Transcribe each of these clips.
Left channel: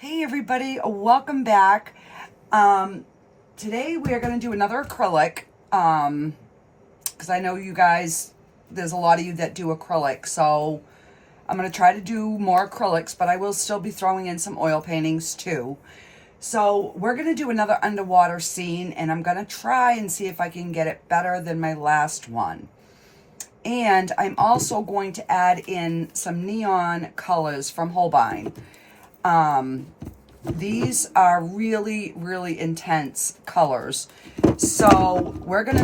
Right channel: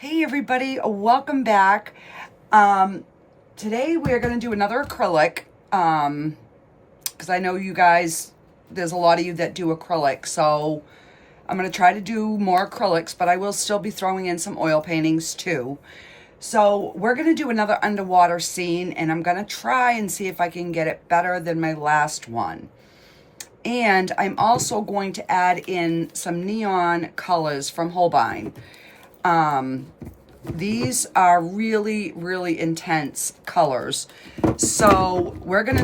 Hey everybody, welcome back. Today we are going to do another acrylic because I know you guys, there's a lot of you that do acrylic, so I'm going to try to do more acrylics, but I will still be throwing in some oil paintings too. So we're going to do another underwater scene, and I'm going to try and see if I can get it better than my last one. And I'm also going to add in some neon colors from Holbein. These are really, really intense colors. So we're not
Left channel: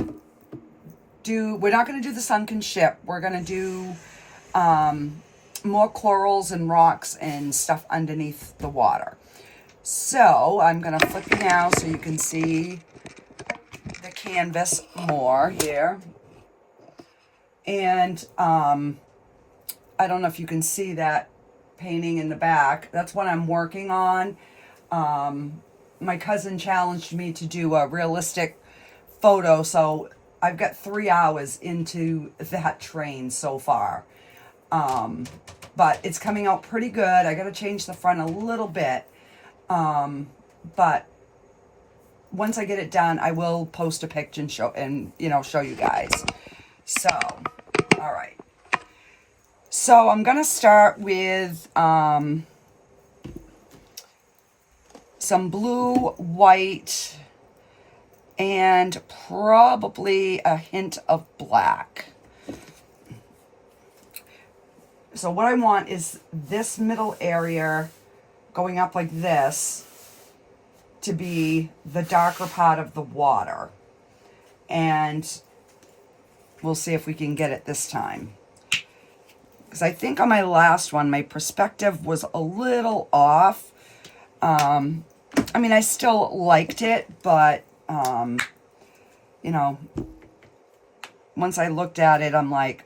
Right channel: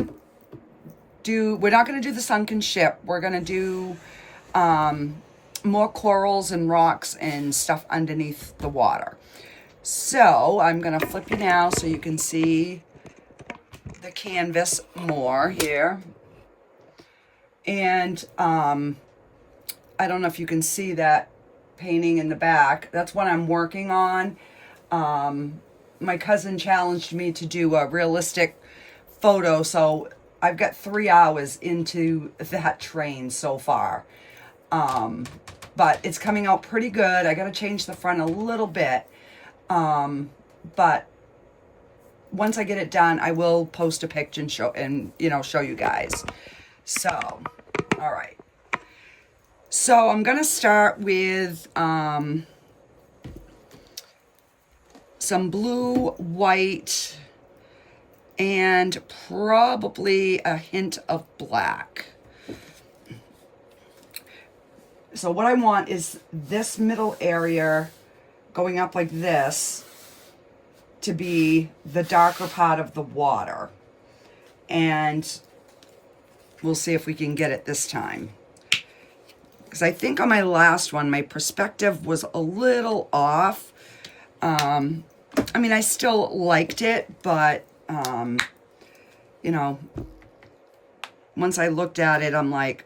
going to do the sunken ship. We're going to do more corals and rocks and stuff underneath the water. So I'm going to flip you now so you can see the canvas more here. And I don't know if you can see that painting in the back. That's what I'm working on. My cousin challenged me to do a realistic photo, so I've got 3 hours into that train so far. But it's coming out pretty good. I got to change the front a little bit. But once I get it done, I will post a picture and show you guys. So, all right. So I'm going to start with some blue, white, and probably a hint of black. So what I want is this middle area going up like this to be the darker part of the water. And we'll see if we can get it this time. Because I think on my last one, my perspective was a little off. I mean, I still liked it, but, once I looked at it, I'm like,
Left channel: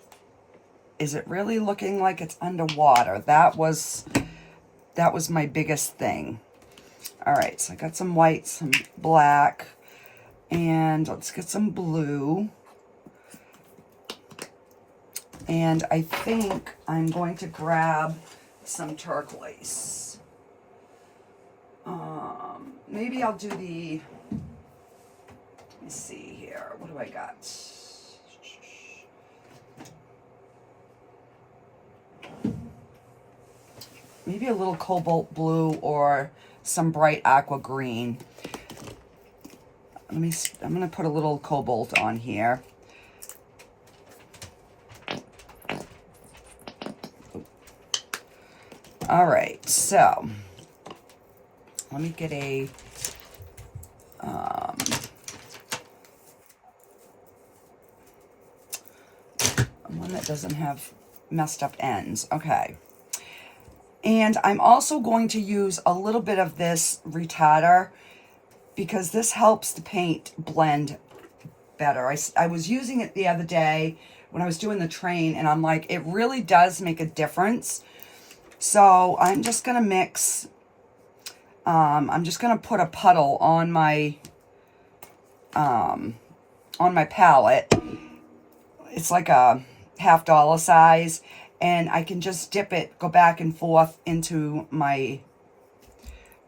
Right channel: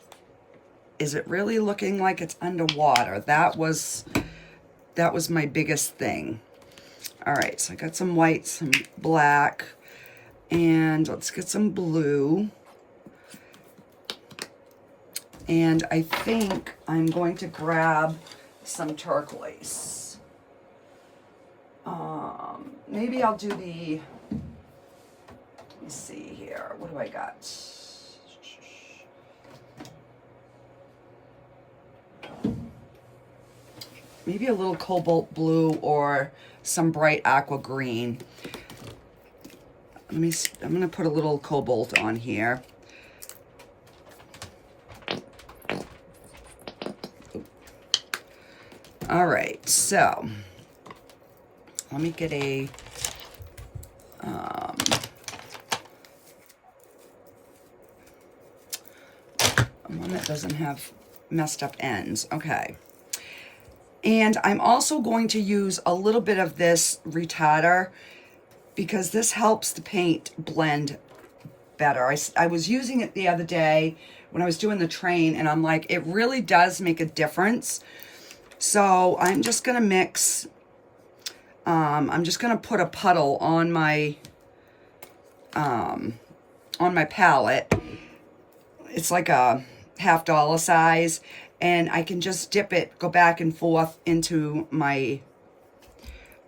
is it really looking like it's underwater? That was my biggest thing. All right, so I got some white, some black, and let's get some blue. And I think I'm going to grab some turquoise. Maybe I'll do let me see here. What do I got? Maybe a little cobalt blue or some bright aqua green. I'm going to put a little cobalt on here. All right, so let me get a one that doesn't have messed up ends. Okay. And I'm also going to use a little bit of this retarder because this helps the paint blend better. I was using it the other day when I was doing the train, and I'm like, it really does make a difference. So I'm just going to mix, I'm just going to put a puddle on my palette. It's like a $50 size, and I can just dip it, go back and forth into my,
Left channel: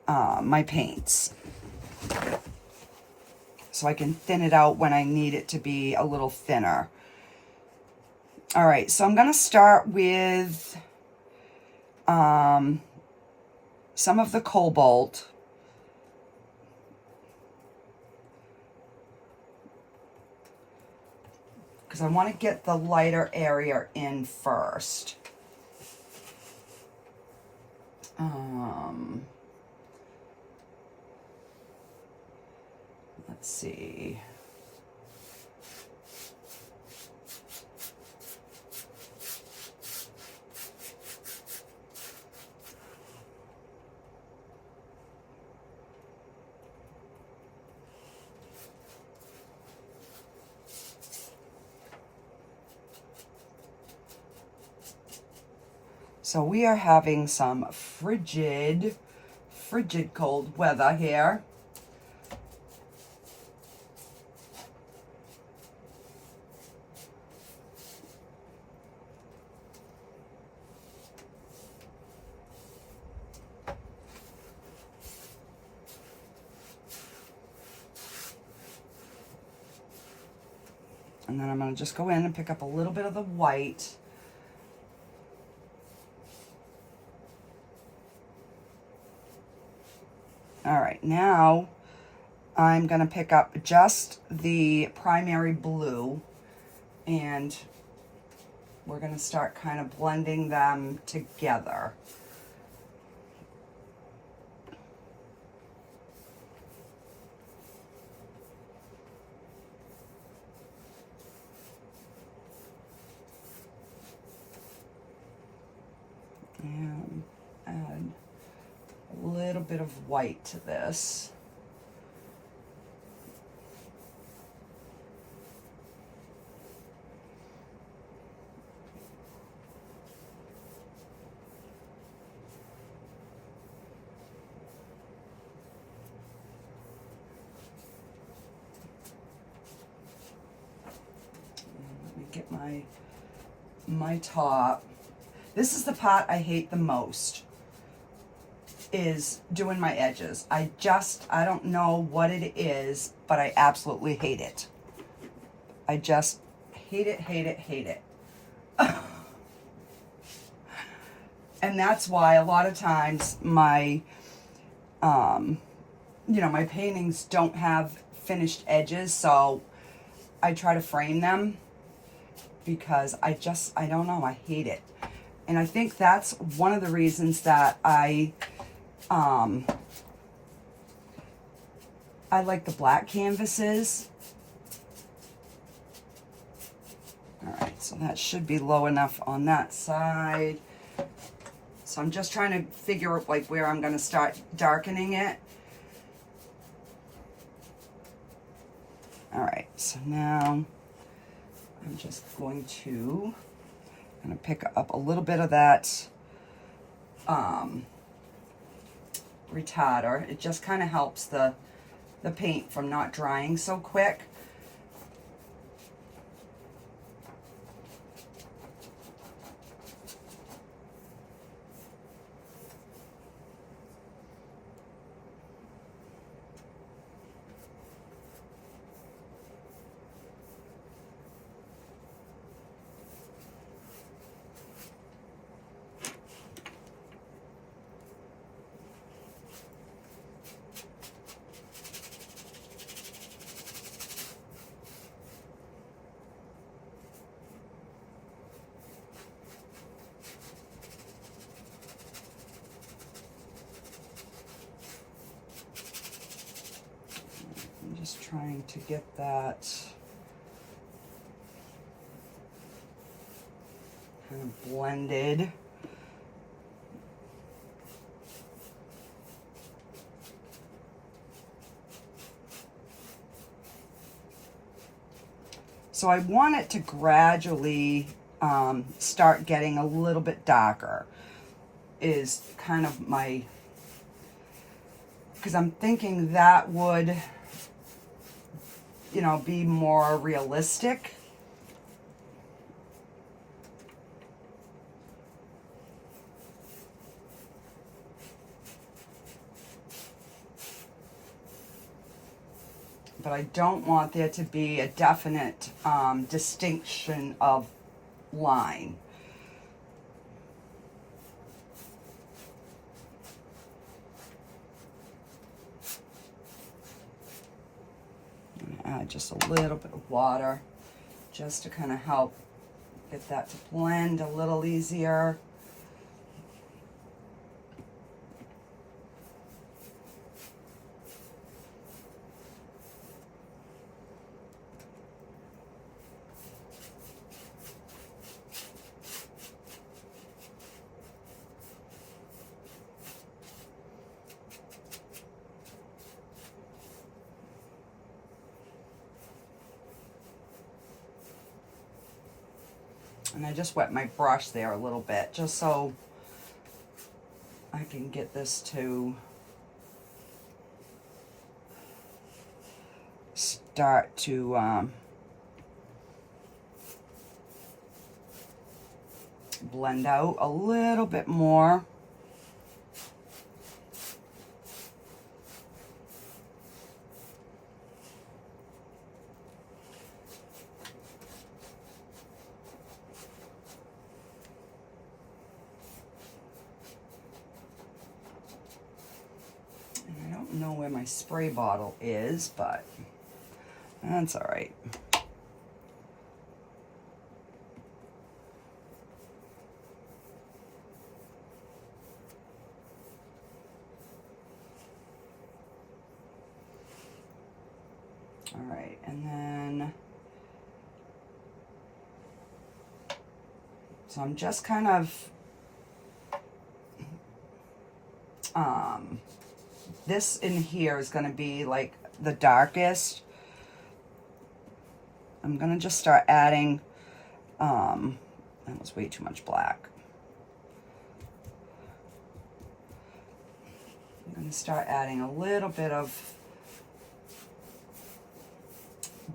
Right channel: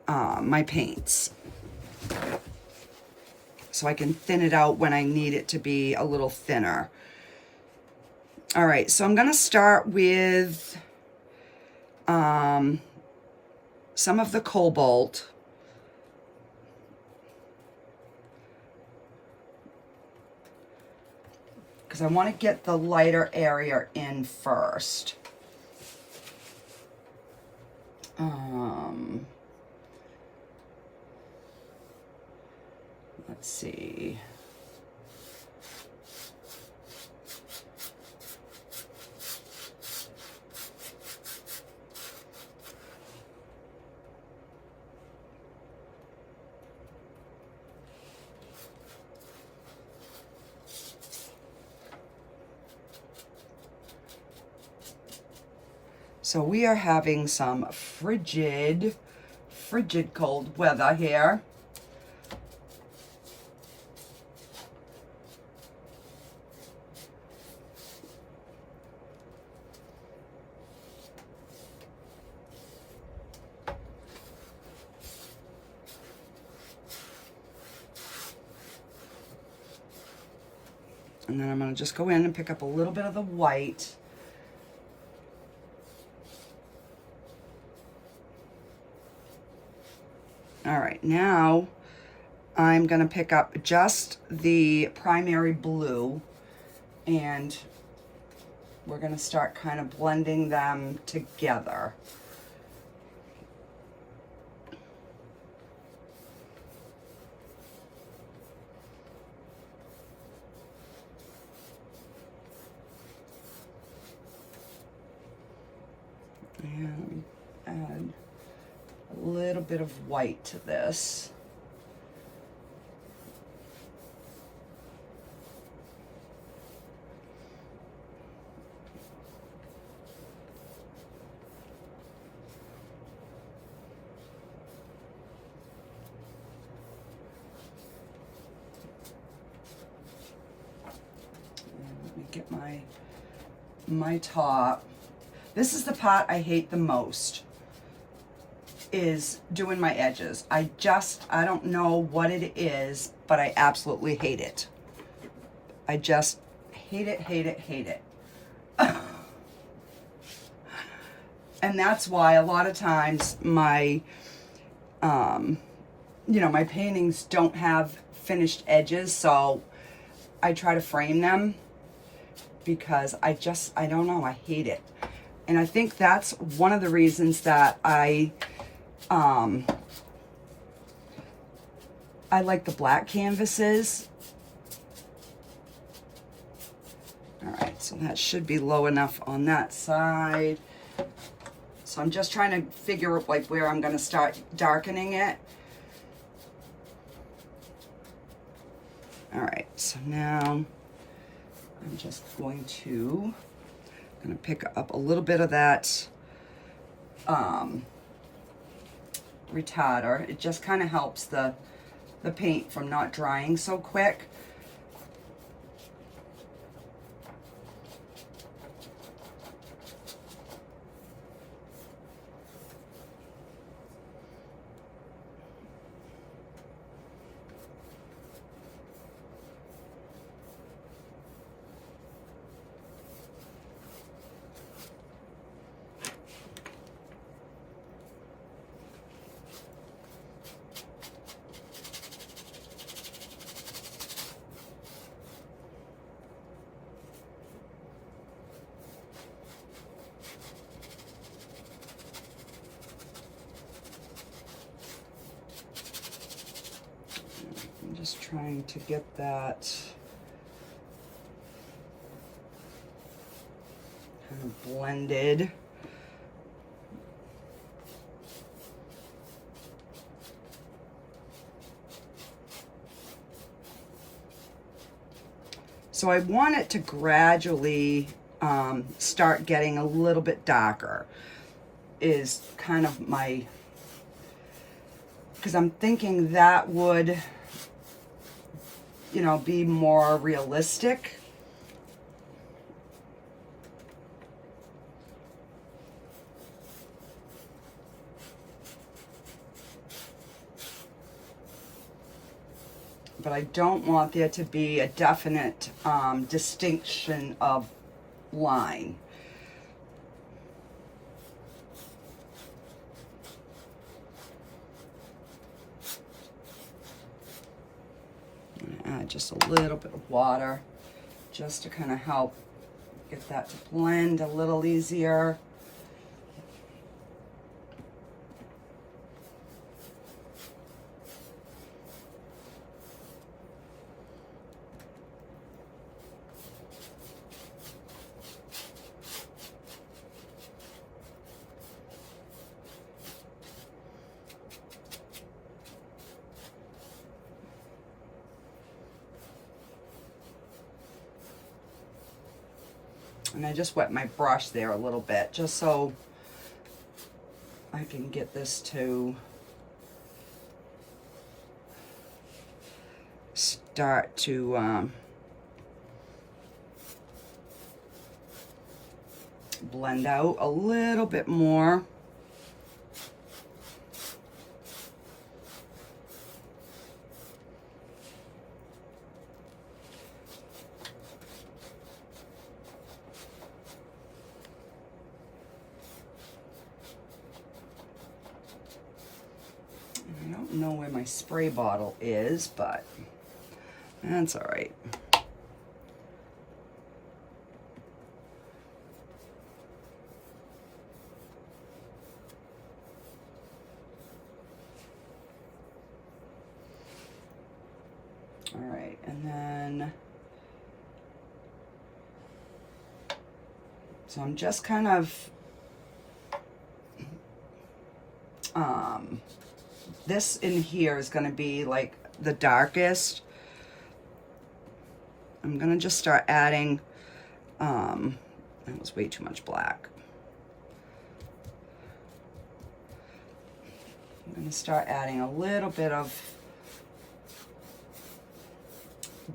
my paints. So I can thin it out when I need it to be a little thinner. All right, so I'm going to start with some of the cobalt. Because I want to get the lighter area in first. Let's see. So we are having some frigid cold weather here. And then I'm going to just go in and pick up a little bit of the white. All right, now I'm going to pick up just the primary blue, and we're going to start kind of blending them together. And add a little bit of white to this. Let me get my top. This is the part I hate the most, is doing my edges. I don't know what it is, but I absolutely hate it. I just hate it, hate it, hate it. And that's why a lot of times my, my paintings don't have finished edges, so I try to frame them because I don't know, I hate it. And I think that's one of the reasons that I like the black canvases. All right, so that should be low enough on that side. So I'm just trying to figure out like where I'm going to start darkening it. All right, so now I'm just going to pick up a little bit of that retarder. It just kind of helps the paint from not drying so quick. Just trying to get that kind of blended. So I want it to gradually start getting a little bit darker, is kind of my, because I'm thinking that would, be more realistic. But I don't want there to be a definite distinction of line. Add just a little bit of water just to kind of help get that to blend a little easier. And I just wet my brush there a little bit, just so I can get this to start to blend out a little bit more. don't know where my spray bottle is, but that's all right. All right, and then, so I'm just kind of, this in here is going to be like the darkest. I'm going to just start adding, that was way too much black. I'm going to start adding a little bit of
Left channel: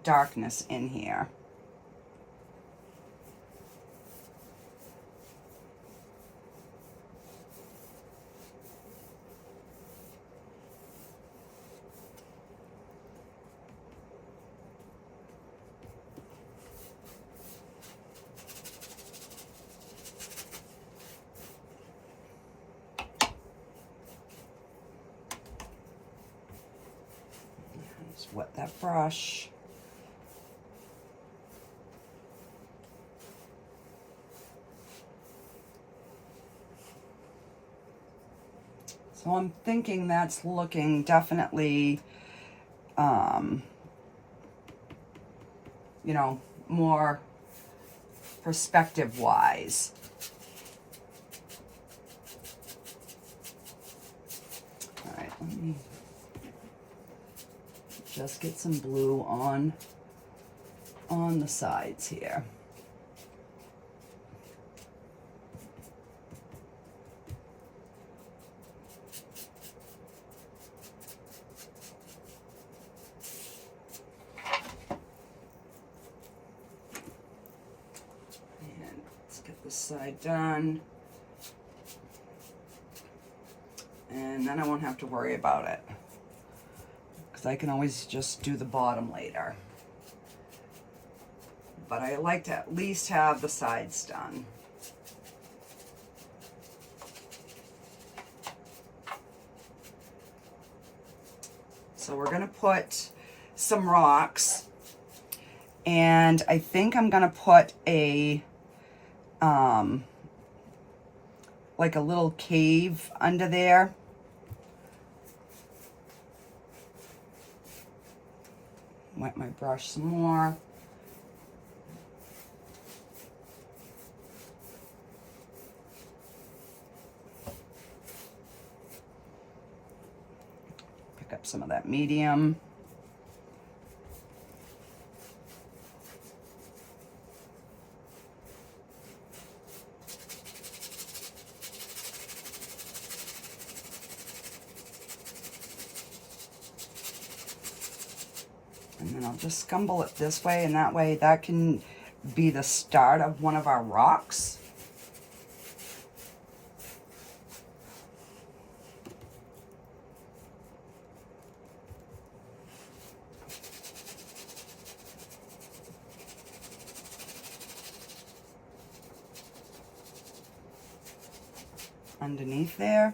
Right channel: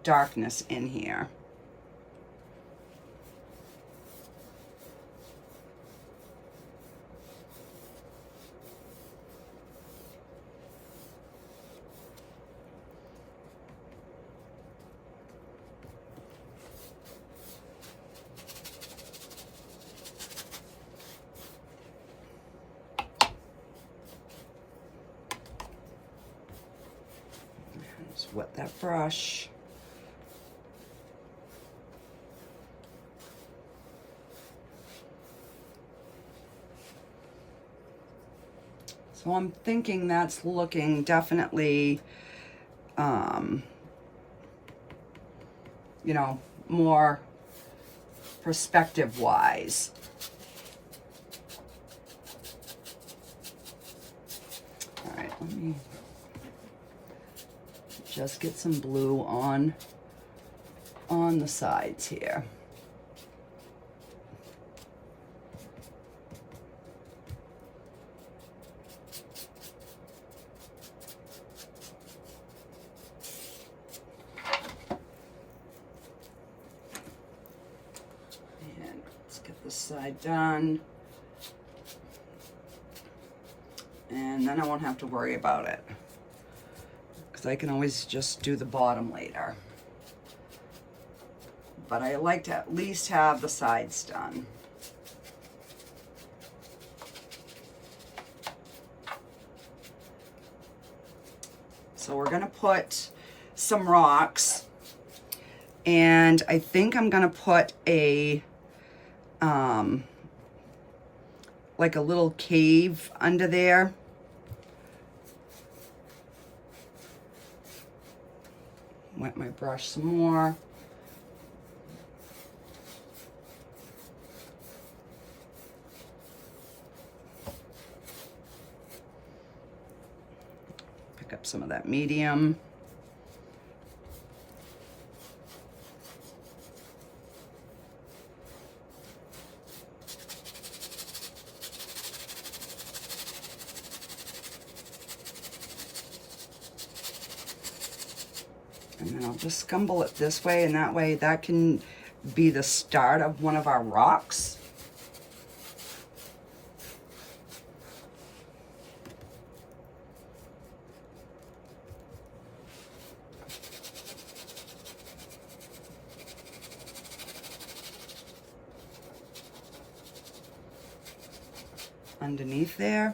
darkness in here. Just wet that brush. So I'm thinking that's looking definitely, you know, more perspective-wise. All right, let me just get some blue on the sides here. This side done, and then I won't have to worry about it because I can always just do the bottom later, but I like to at least have the sides done. So we're gonna put some rocks, and I think I'm gonna put a like a little cave under there. Wet my brush some more. Pick up some of that medium. And then I'll just scumble it this way, and that way that can be the start of one of our rocks. Underneath there.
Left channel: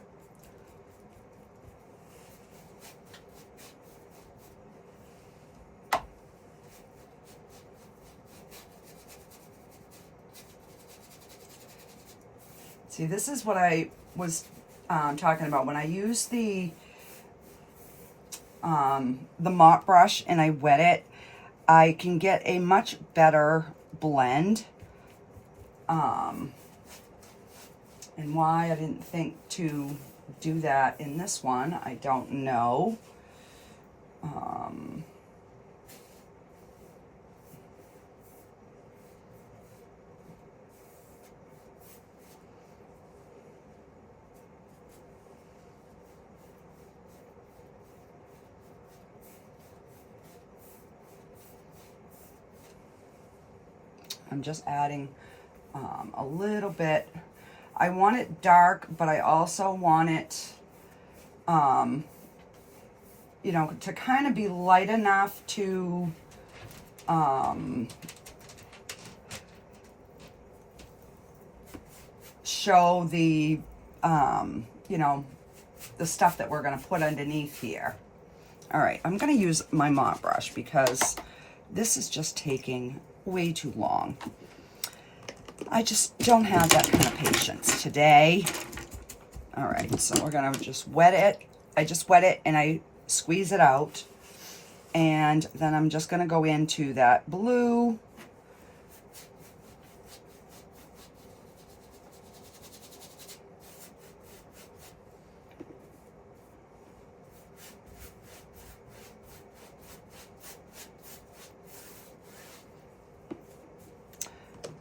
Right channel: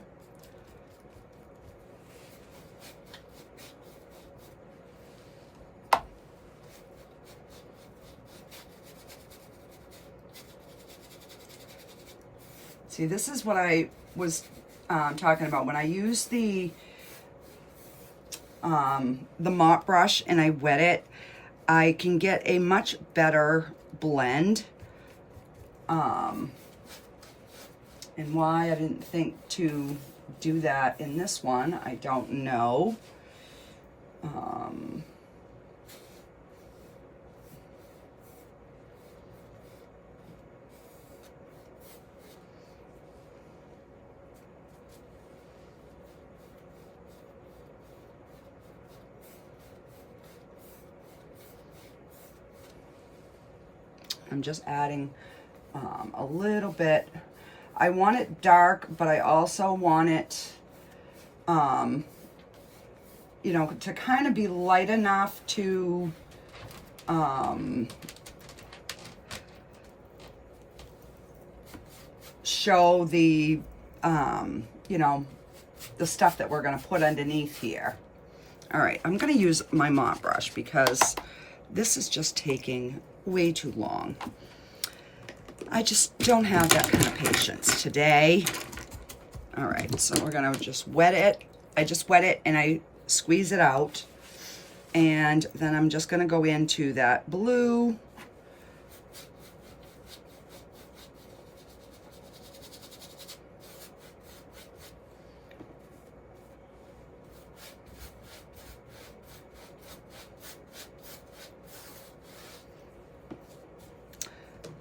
See, this is what I was talking about. When I use the mop brush and I wet it, I can get a much better blend. And why I didn't think to do that in this one, I don't know. I'm just adding a little bit. I want it dark, but I also want it, you know, to kind of be light enough to, show the, you know, the stuff that we're gonna put underneath here. All right, I'm gonna use my mop brush because this is just taking way too long. I just don't have that kind of patience today. All right, so we're gonna just wet it. I just wet it and I squeeze it out. And then I'm just gonna go into that blue.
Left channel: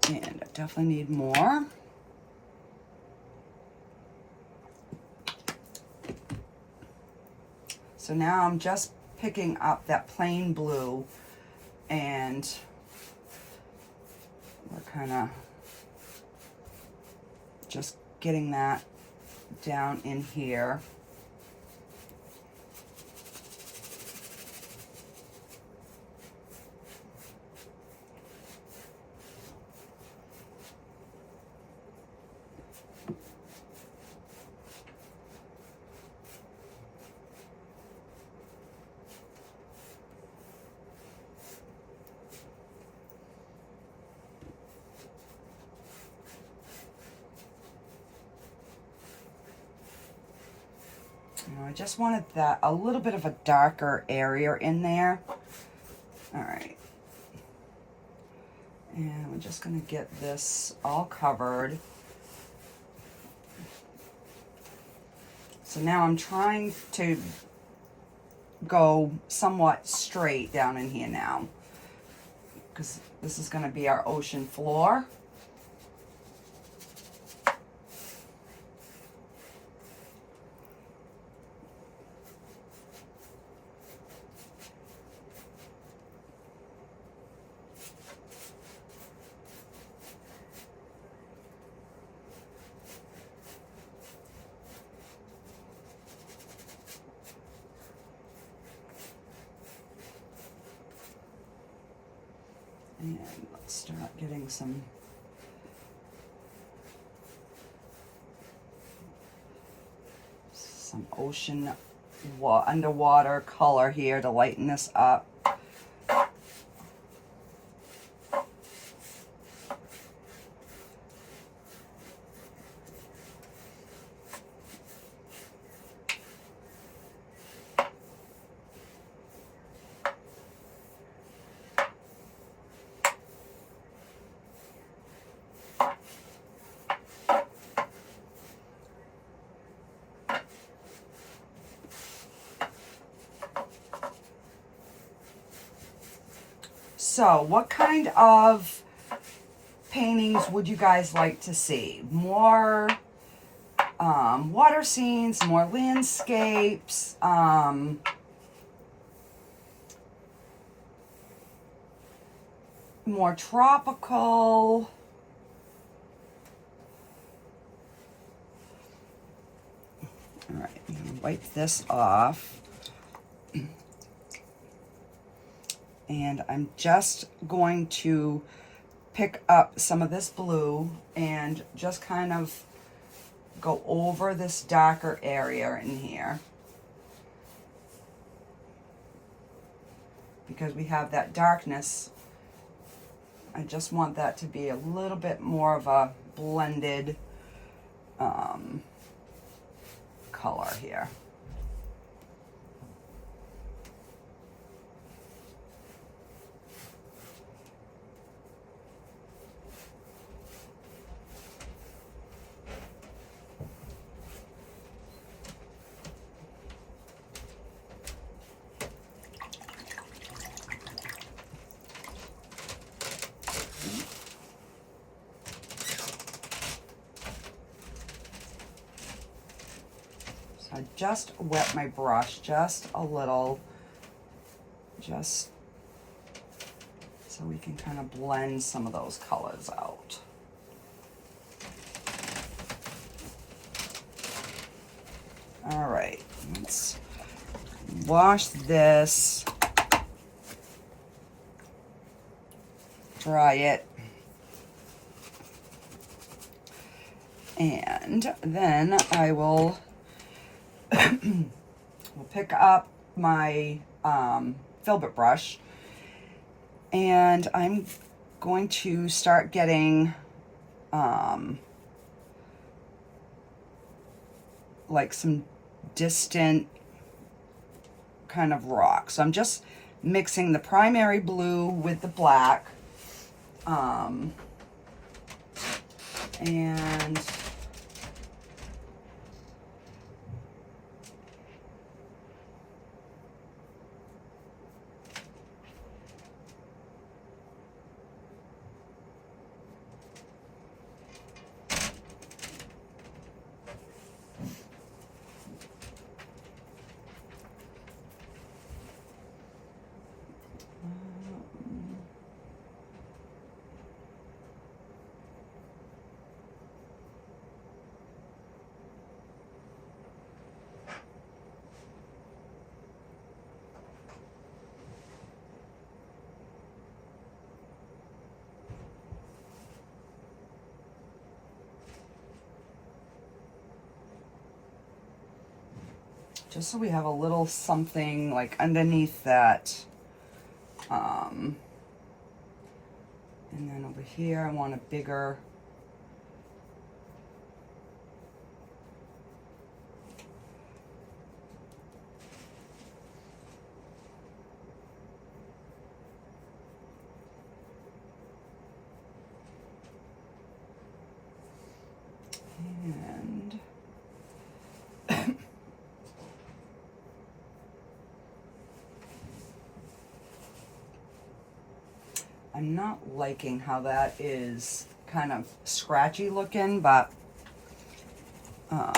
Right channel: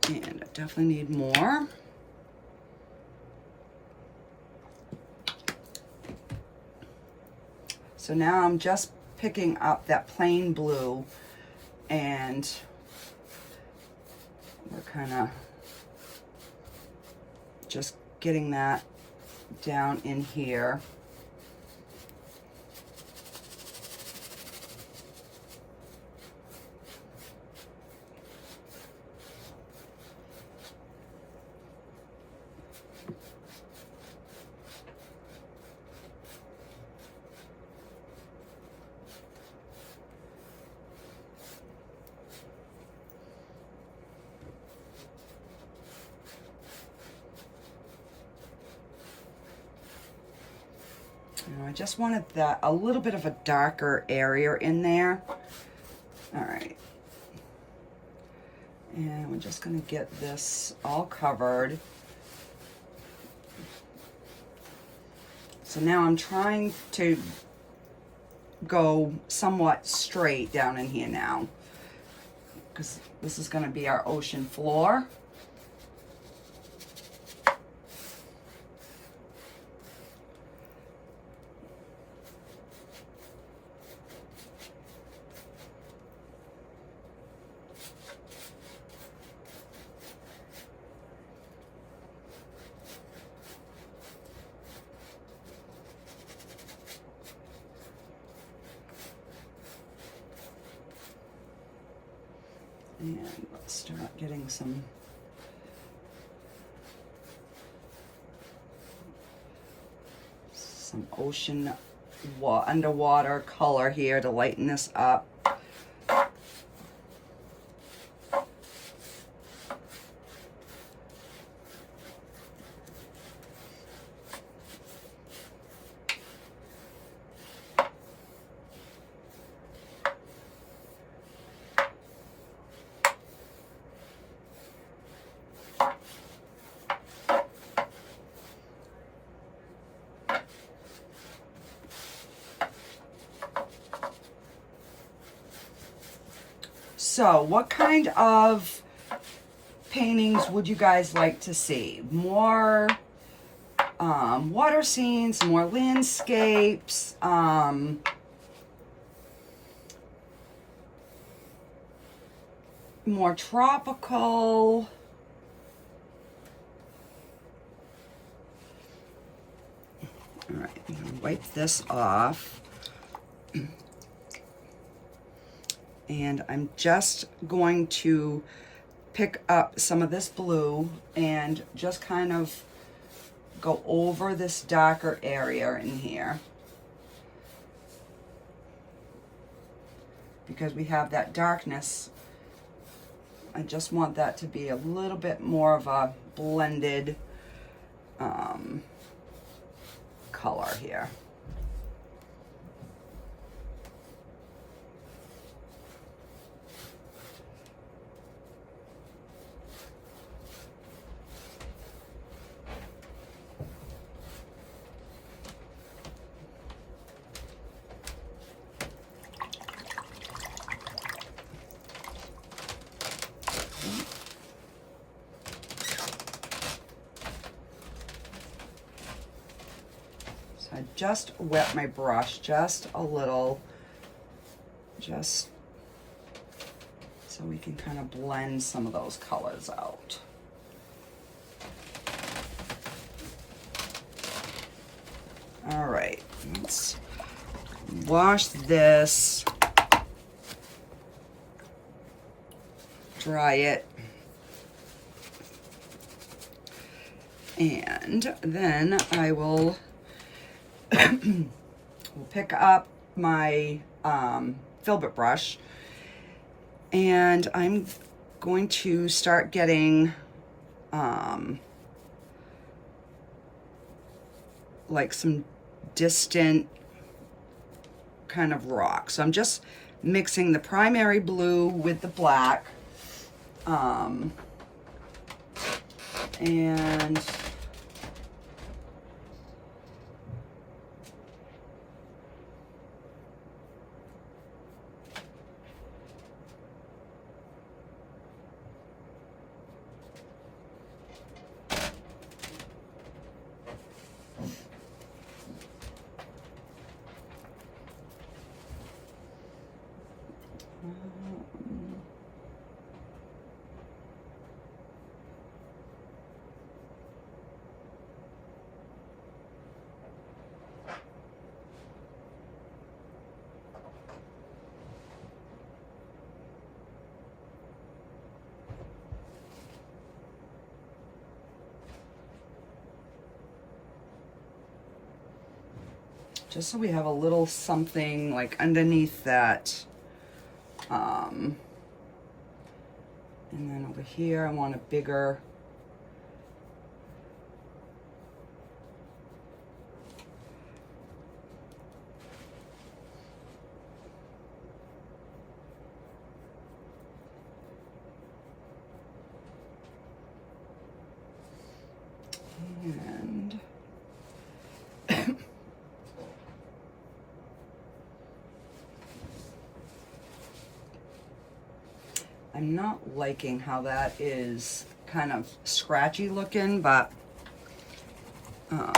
And I definitely need more. So now I'm just picking up that plain blue and we're kind of just getting that down in here. I just wanted that a little bit of a darker area in there. All right. And we're just going to get this all covered. So now I'm trying to go somewhat straight down in here now, because this is going to be our ocean floor. And let's start getting some ocean underwater color here to lighten this up. So what kind of paintings would you guys like to see? More water scenes, more landscapes, more tropical? All right, I'm gonna wipe this off. And I'm just going to pick up some of this blue and just kind of go over this darker area in here. Because we have that darkness, I just want that to be a little bit more of a blended color here. I just wet my brush just a little, just so we can kind of blend some of those colors out. All right, let's wash this, dry it, and then I will we'll pick up my filbert brush, and I'm going to start getting like some distant kind of rocks. So I'm just mixing the primary blue with the black, and just so we have a little something like underneath that. And then over here, I want a bigger, and I'm not liking how that is kind of scratchy looking, but oh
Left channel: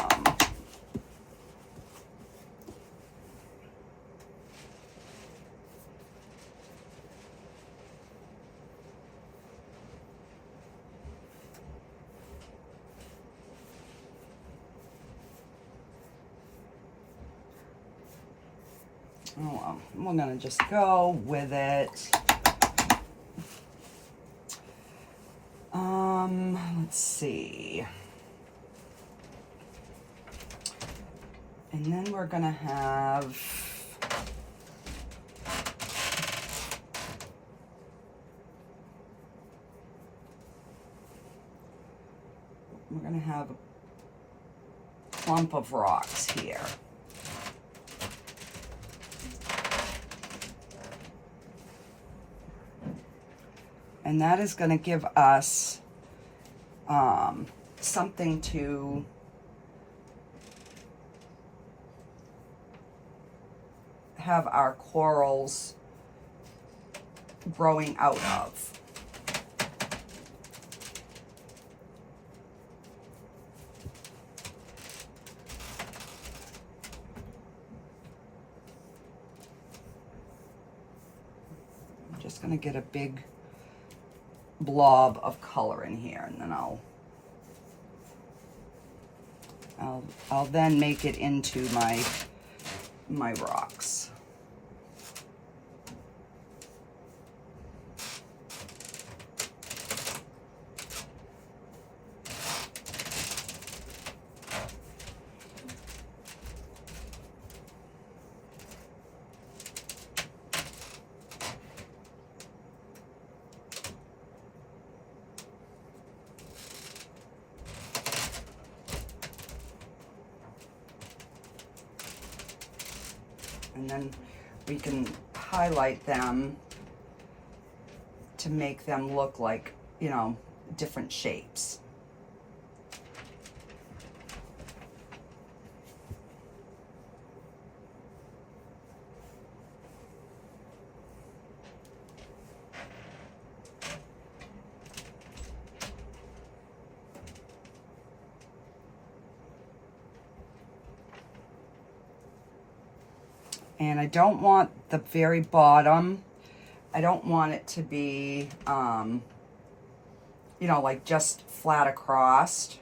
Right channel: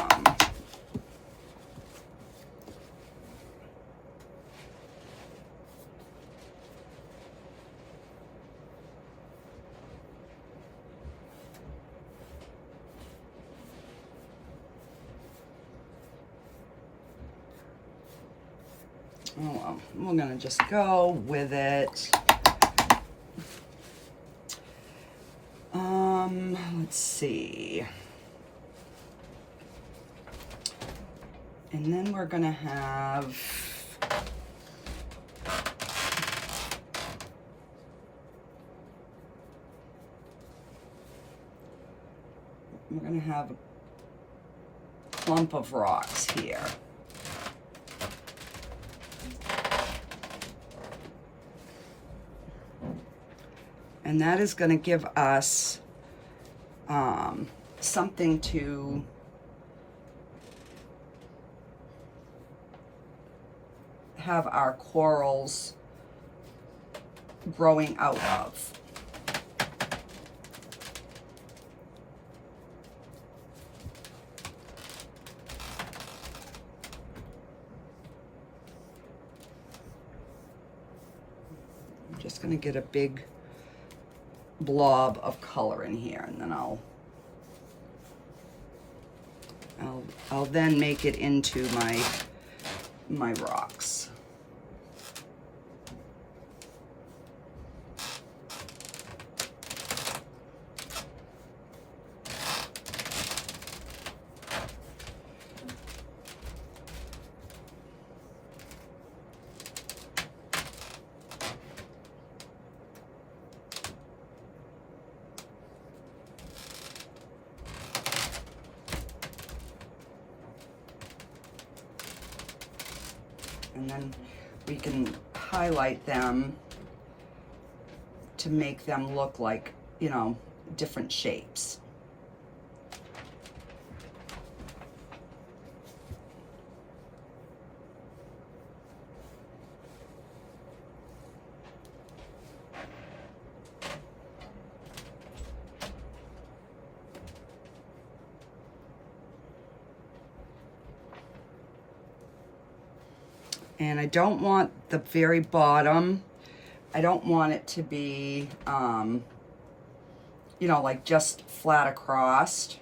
well, we're gonna just go with it. Let's see. And then we're gonna have a clump of rocks here. And that is going to give us something to have our corals growing out of. I'm just going to get a big blob of color in here, and then I'll then make it into my rocks. And then we can highlight them to make them look like, you know, different shapes. And I don't want the very bottom, I don't want it to be, you know, like just flat across.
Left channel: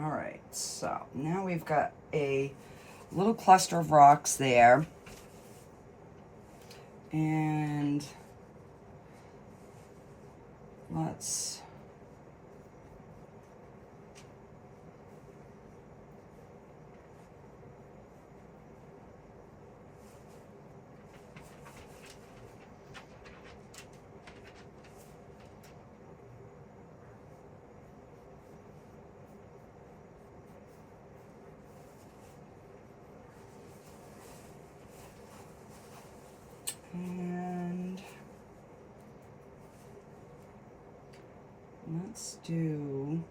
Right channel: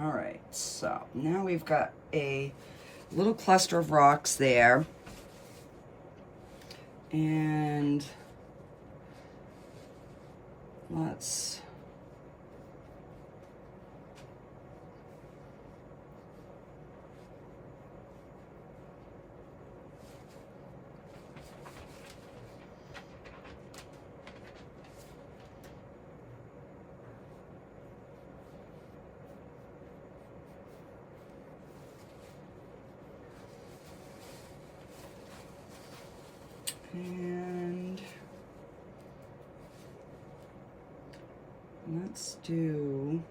All right, so now we've got a little cluster of rocks there. And let's and let's do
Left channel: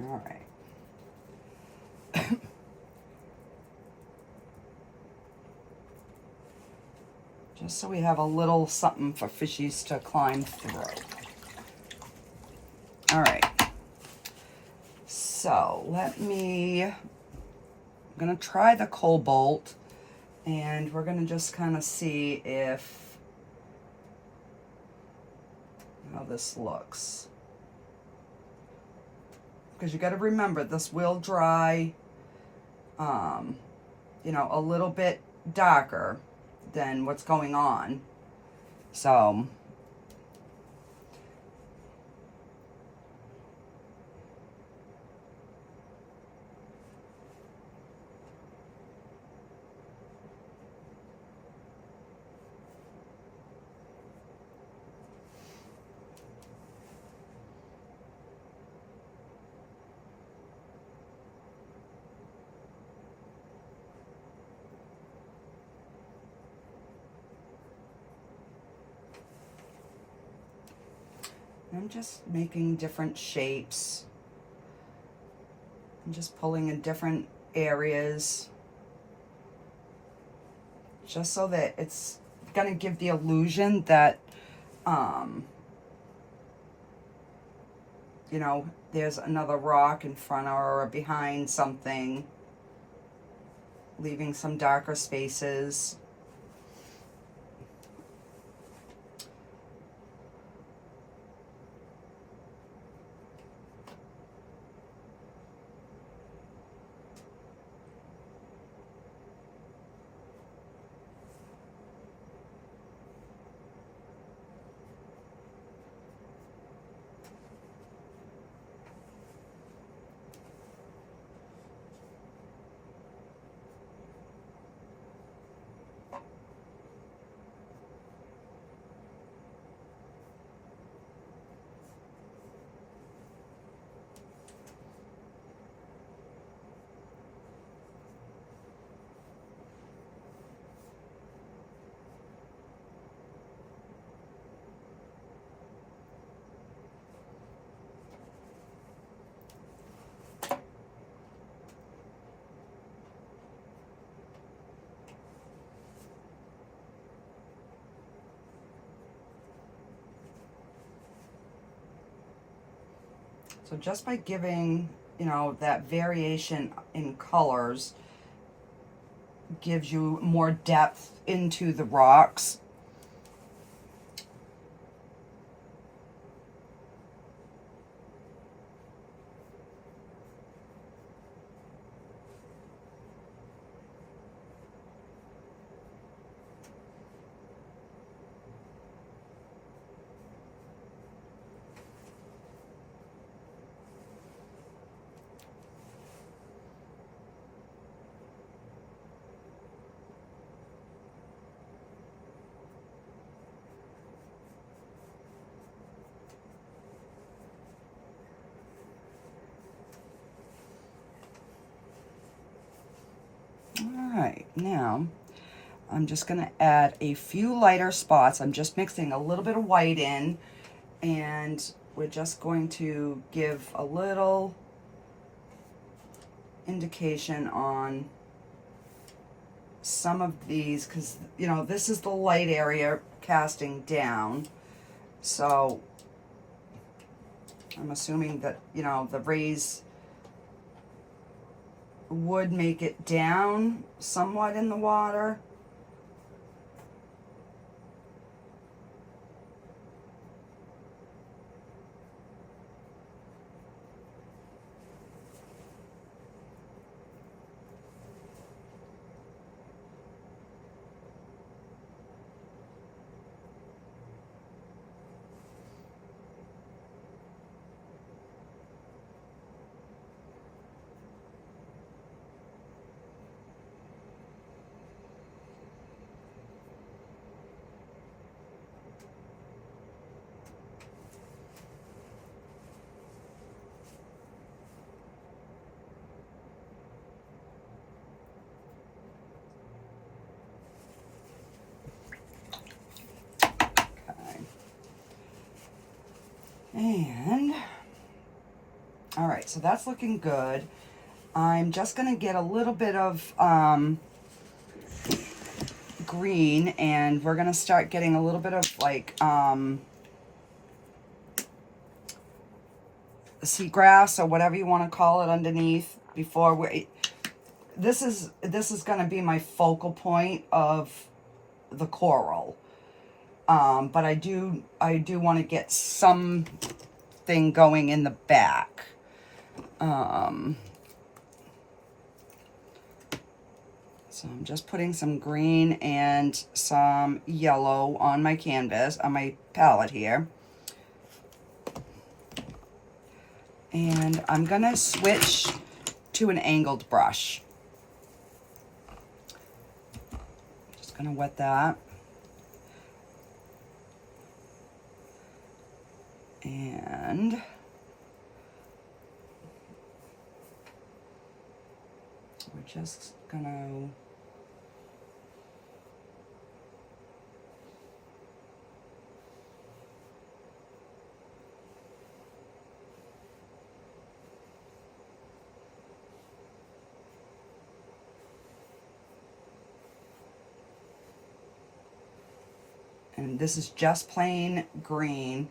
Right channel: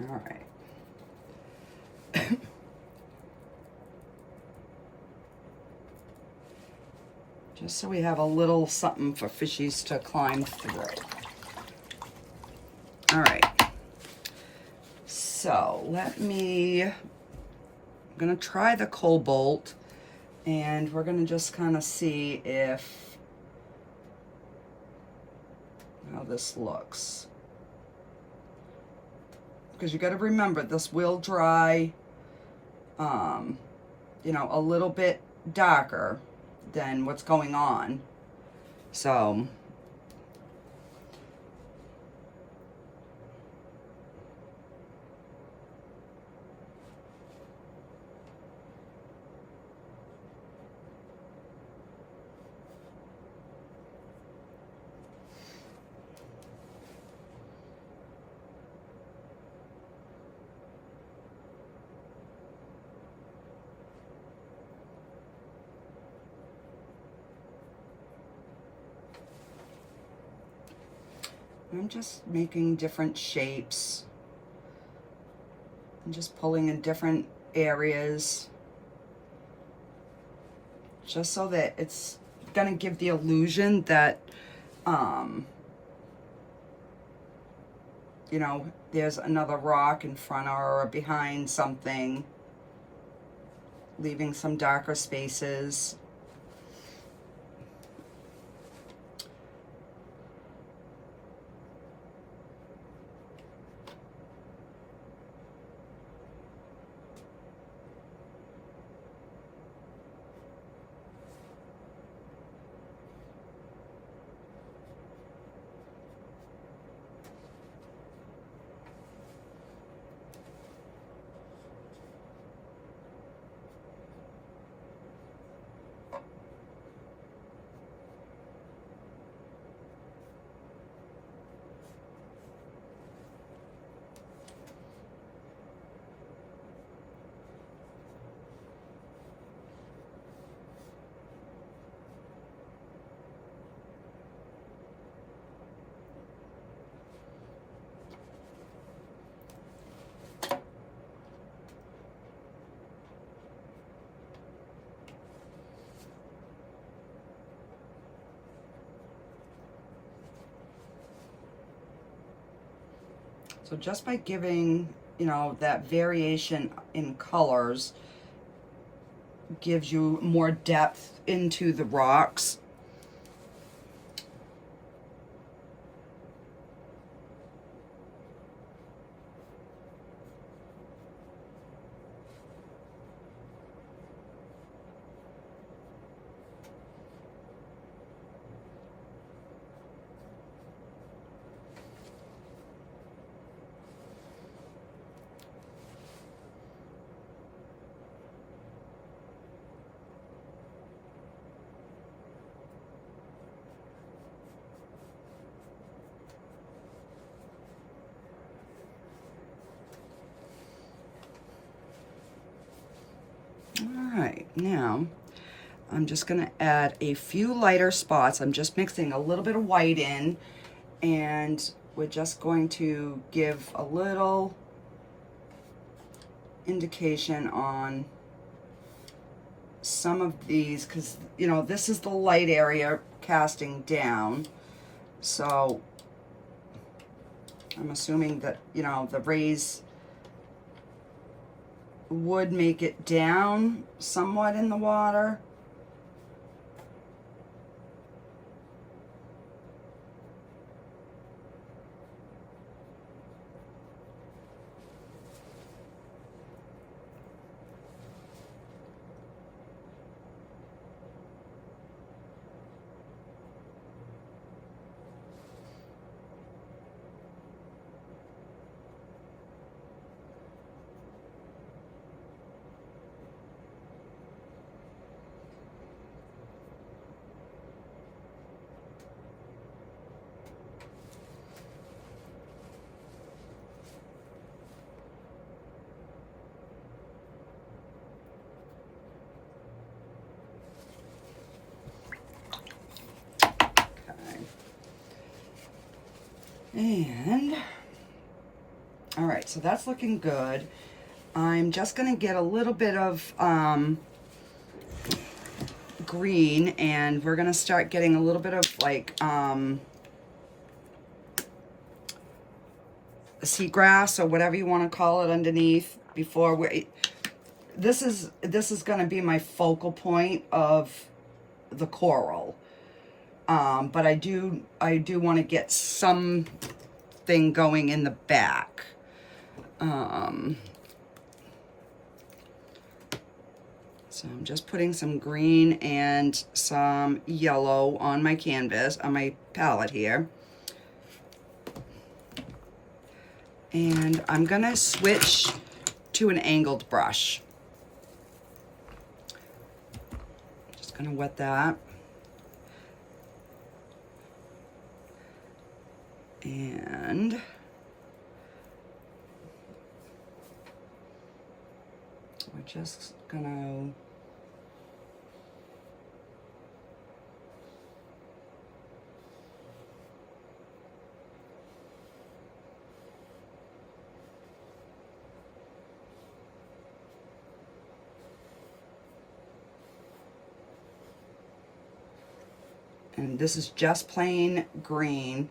all right. Just so we have a little something for fishies to climb through. All right. So I'm gonna try the cobalt, and we're gonna just kind of see how this looks. Because you got to remember, this will dry, you know, a little bit darker than what's going on. So I'm just making different shapes. I'm just pulling in different areas, just so that it's going to give the illusion that, you know, there's another rock in front or behind something, leaving some darker spaces. So just by giving, you know, that variation in colors gives you more depth into the rocks. All right, now I'm just gonna add a few lighter spots. I'm just mixing a little bit of white in, and we're just going to give a little indication on some of these, because, you know, this is the light area casting down. So I'm assuming that, you know, the rays would make it down somewhat in the water. And, all right, so that's looking good. I'm just gonna get a little bit of green, and we're gonna start getting a little bit of like seagrass or whatever you want to call it underneath before we. This is gonna be my focal point of the coral. But I do want to get something going in the back. So I'm just putting some green and some yellow on my canvas, on my palette here. And I'm gonna switch to an angled brush. Just gonna wet that. And we're just gonna and this is just plain green.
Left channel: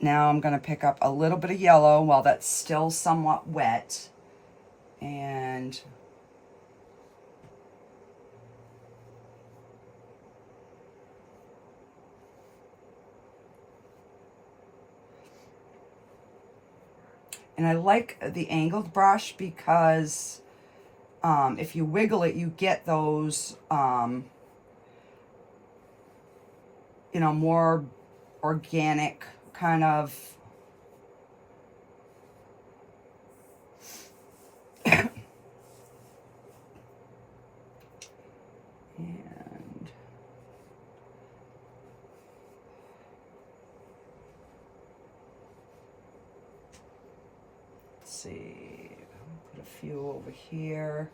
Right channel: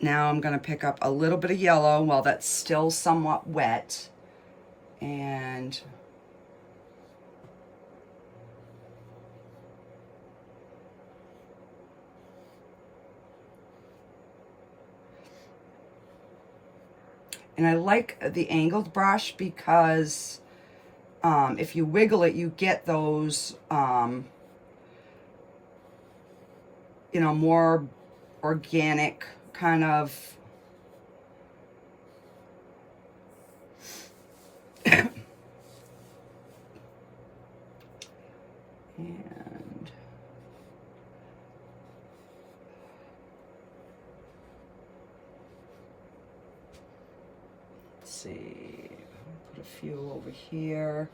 Now I'm going to pick up a little bit of yellow while that's still somewhat wet, and I like the angled brush because if you wiggle it, you get those you know, more organic kind of and let's see, put a few over here.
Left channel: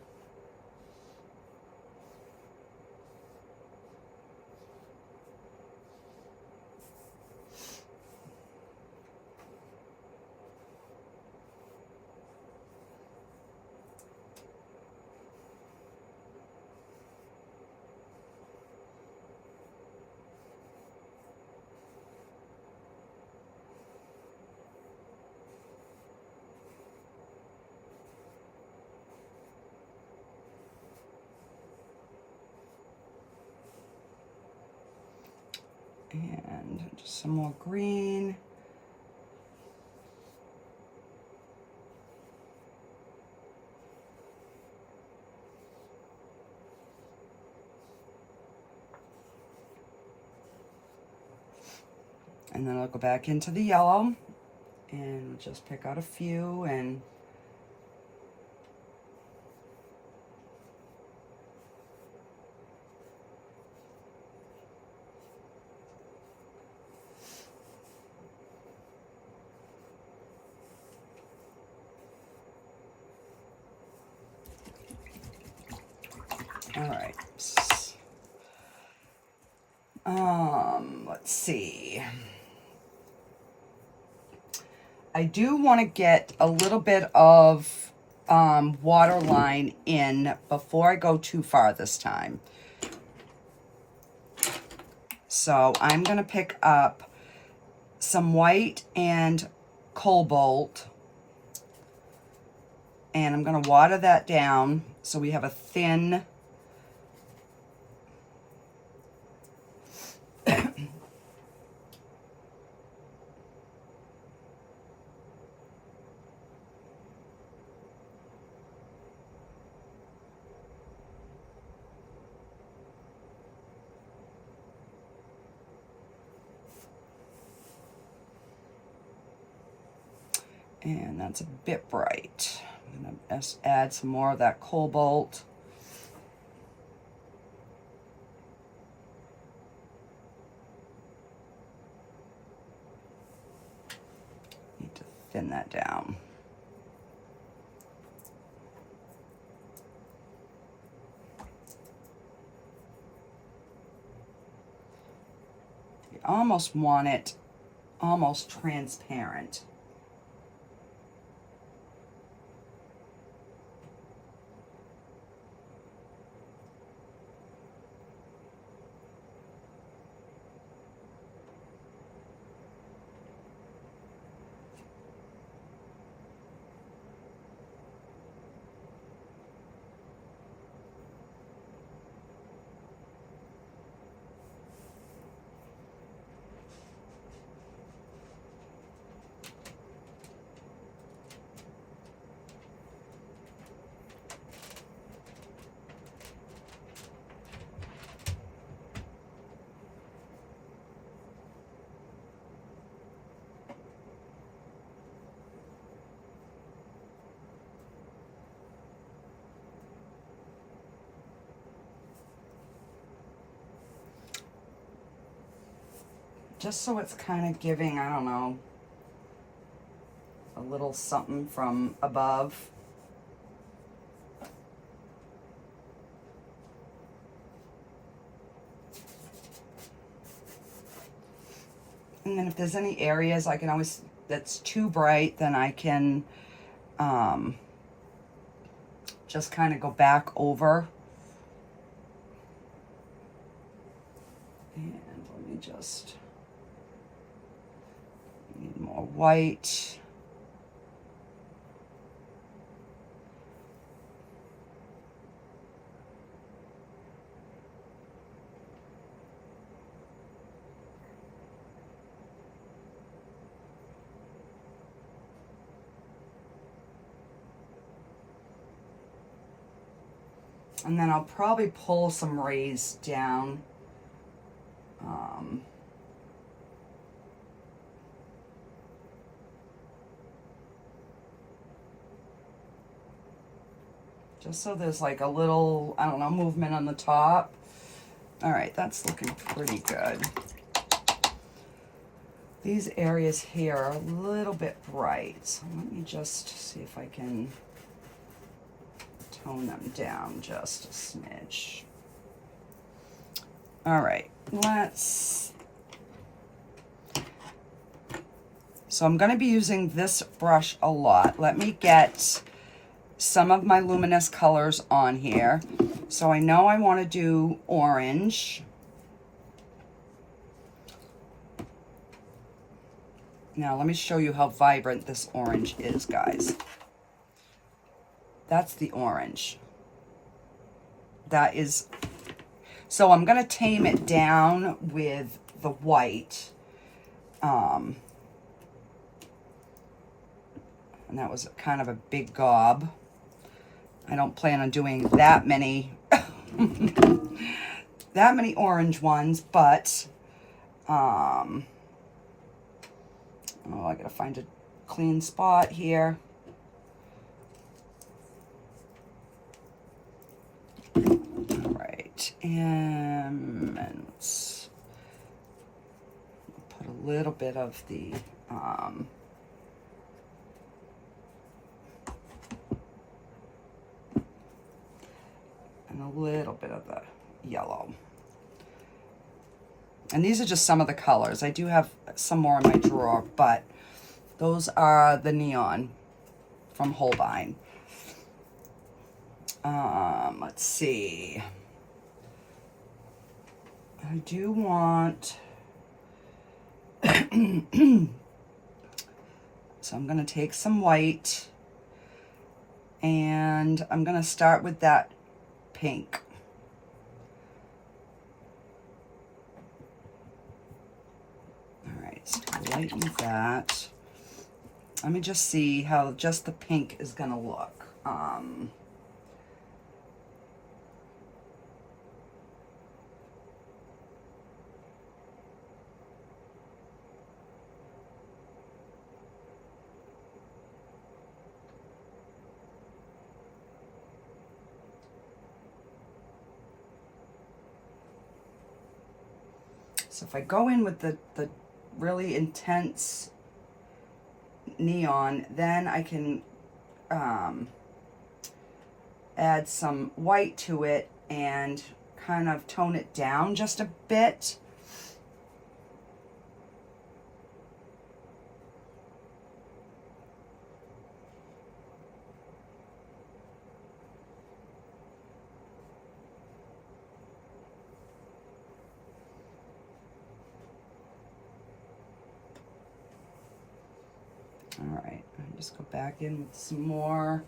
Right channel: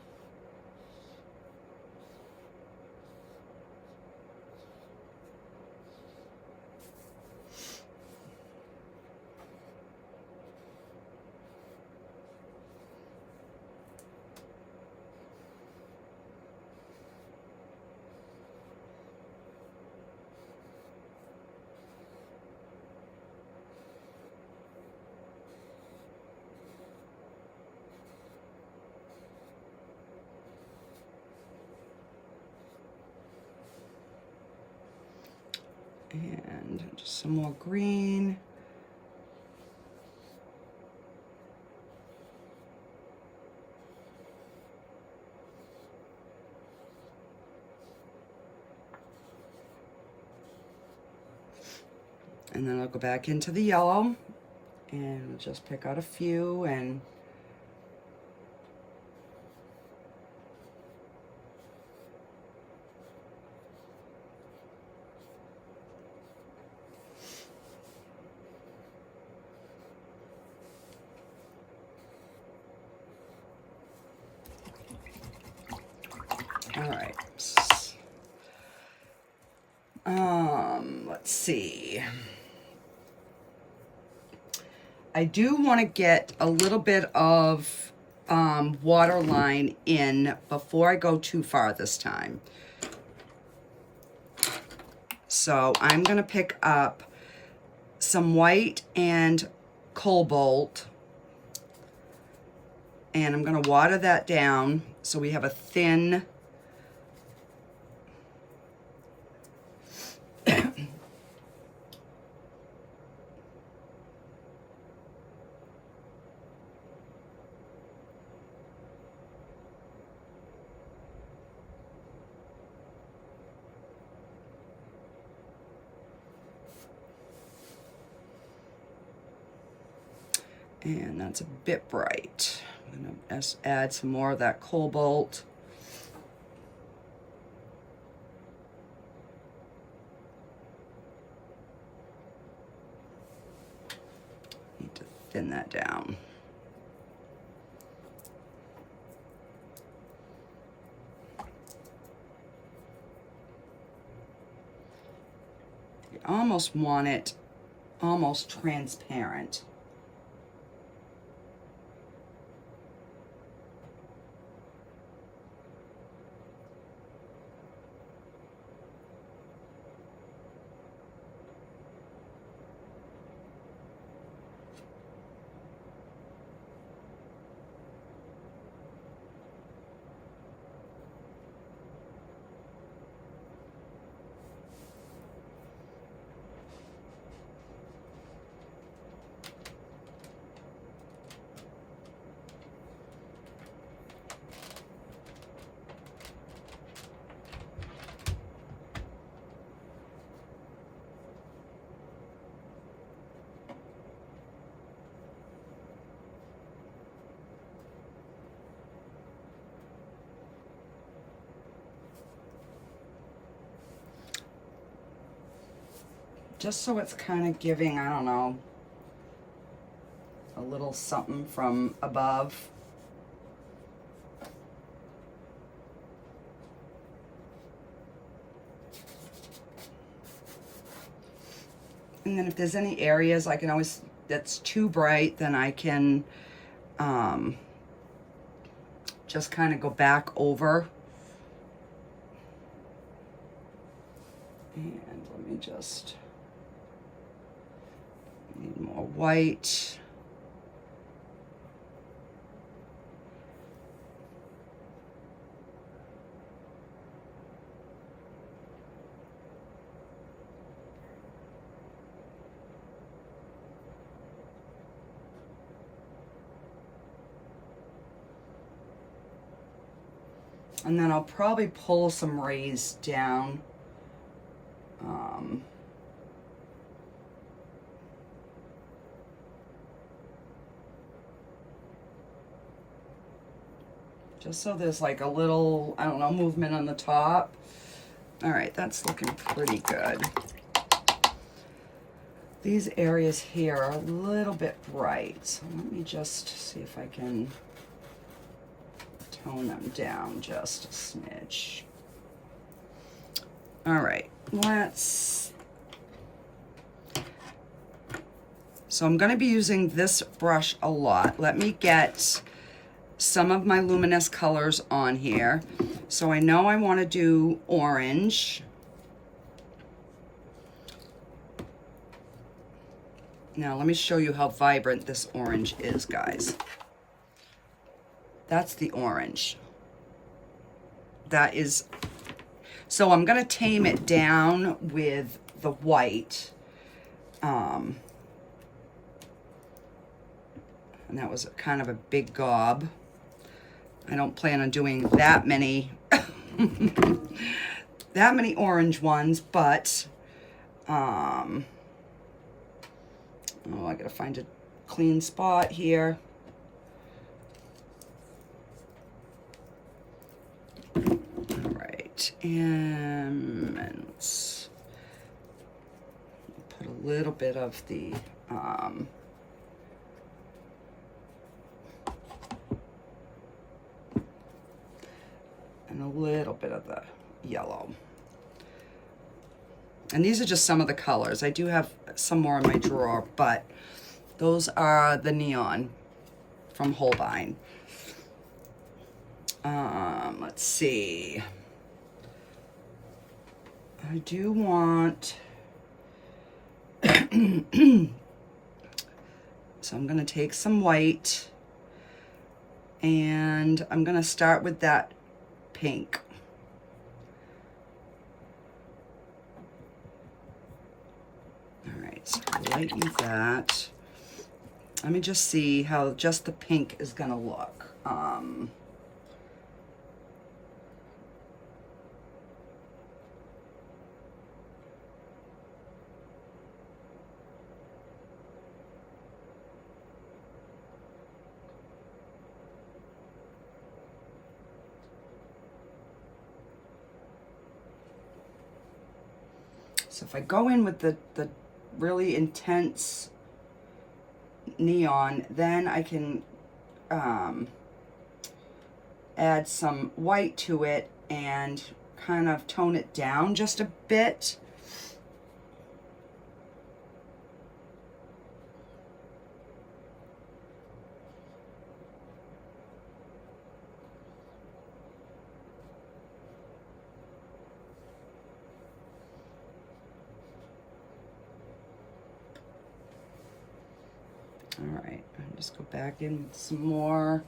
And just some more green. And then I'll go back into the yellow and just pick out a few and All right. Let's see. I do want to get a little bit of waterline in before I go too far this time. So I'm going to pick up some white and cobalt, and I'm going to water that down so we have a thin and that's a bit bright. I'm going to add some more of that cobalt. Need to thin that down. You almost want it almost transparent. Just so it's kind of giving, I don't know, a little something from above. And then if there's any areas I can always, that's too bright, then I can just kind of go back over. And let me just, need more white. And then I'll probably pull some rays down. Just so there's like a little, I don't know, movement on the top. All right, that's looking pretty good. These areas here are a little bit bright. So let me just see if I can tone them down just a smidge. All right, so I'm gonna be using this brush a lot. Let me get some of my luminous colors on here. So I know I wanna do orange. Now let me show you how vibrant this orange is, guys. That's the orange. That is, so I'm gonna tame it down with the white. And that was kind of a big gob. I don't plan on doing that many, that many orange ones, but, oh, I gotta find a clean spot here. All right, and let's put a little bit of the, and and a little bit of the yellow. And these are just some of the colors. I do have some more in my drawer, but those are the neon from Holbein. Let's see. I do want, so I'm gonna take some white and I'm gonna start with that pink. All right, so lighten that. Let me just see how just the pink is gonna look. So if I go in with the really intense neon, then I can add some white to it and kind of tone it down just a bit. All right, I'll just go back in with some more.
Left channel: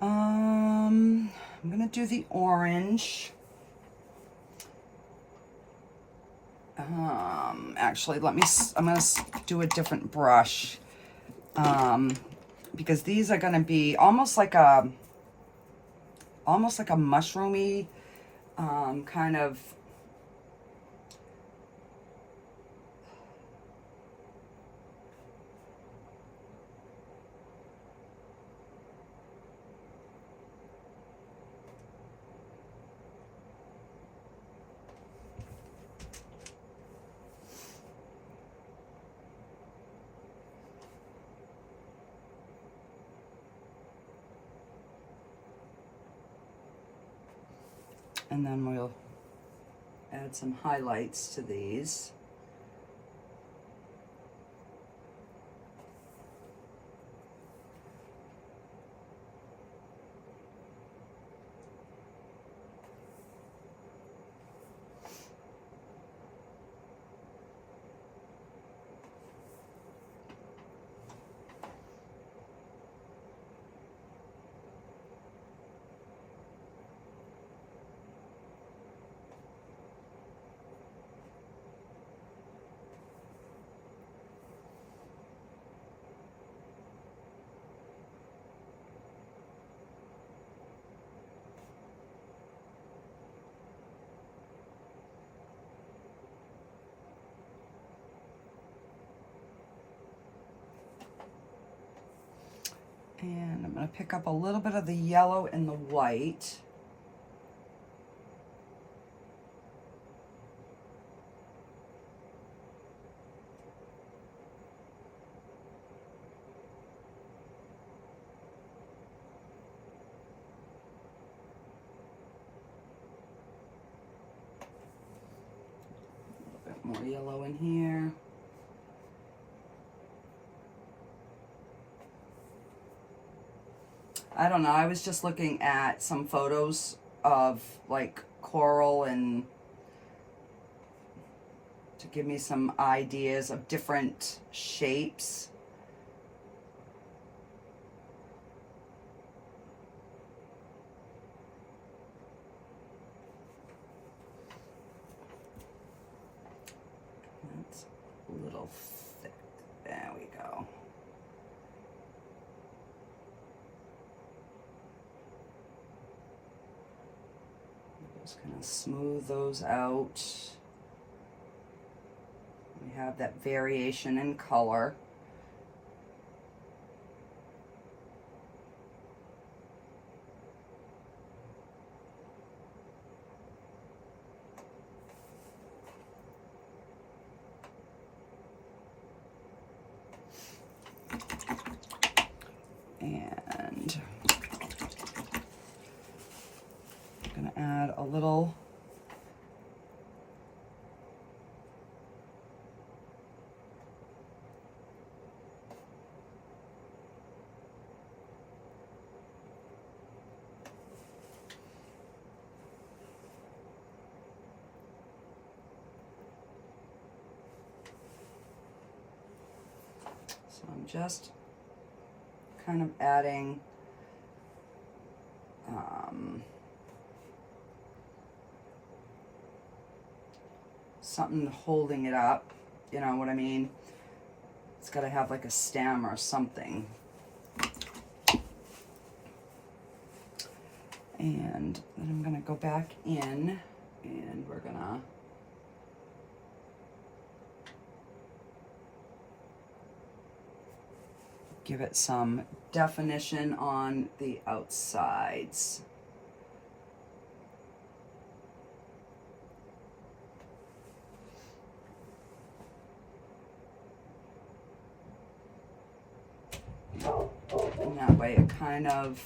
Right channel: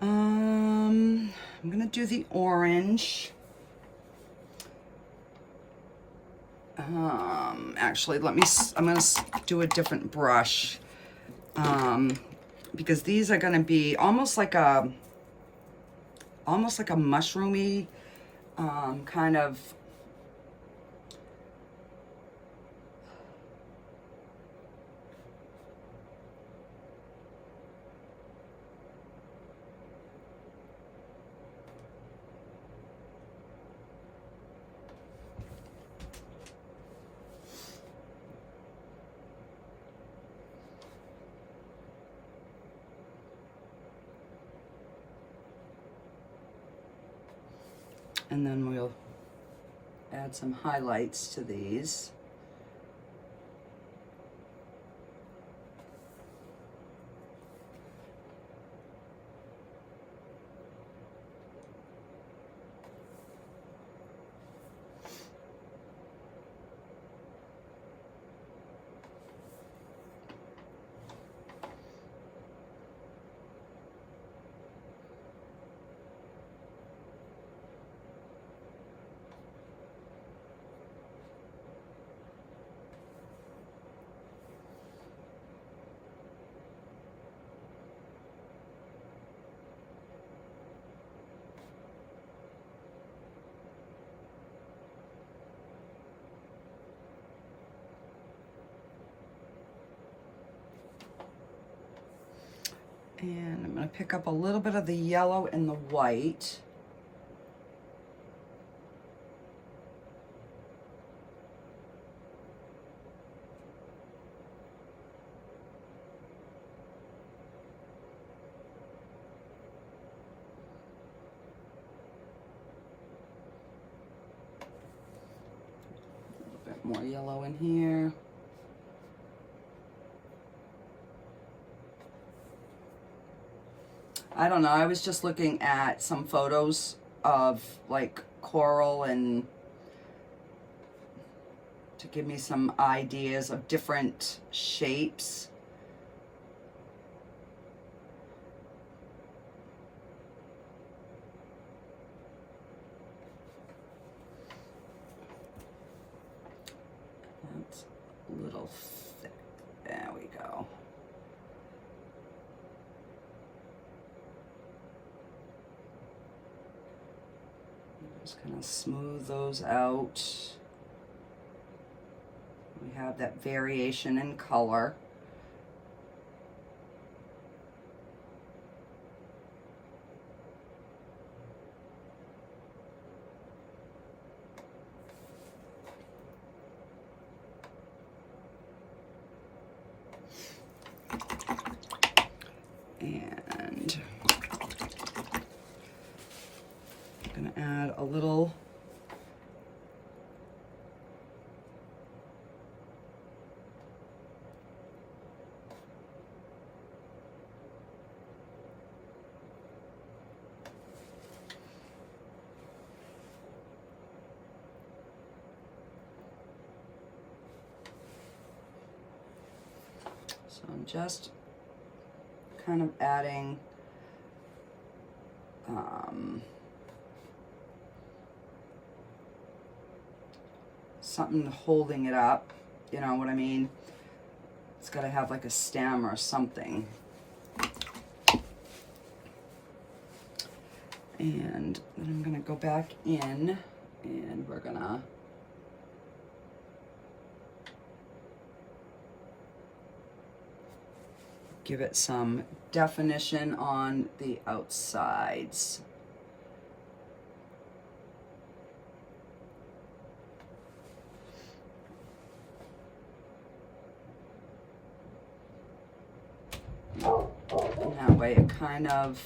I'm gonna do the orange. Actually, I'm gonna do a different brush, because these are gonna be almost like a mushroomy, kind of, and then we'll add some highlights to these. And I'm going to pick up a little bit of the yellow and the white. A little bit more yellow in here. I don't know, I was just looking at some photos of like coral and to give me some ideas of different shapes. That's a little thick. There we go. I'm just gonna smooth those out. We have that variation in color. And I'm gonna add a little so I'm just kind of adding something holding it up, you know what I mean? It's got to have like a stem or something. And then I'm gonna go back in and we're gonna give it some definition on the outsides. And that way it kind of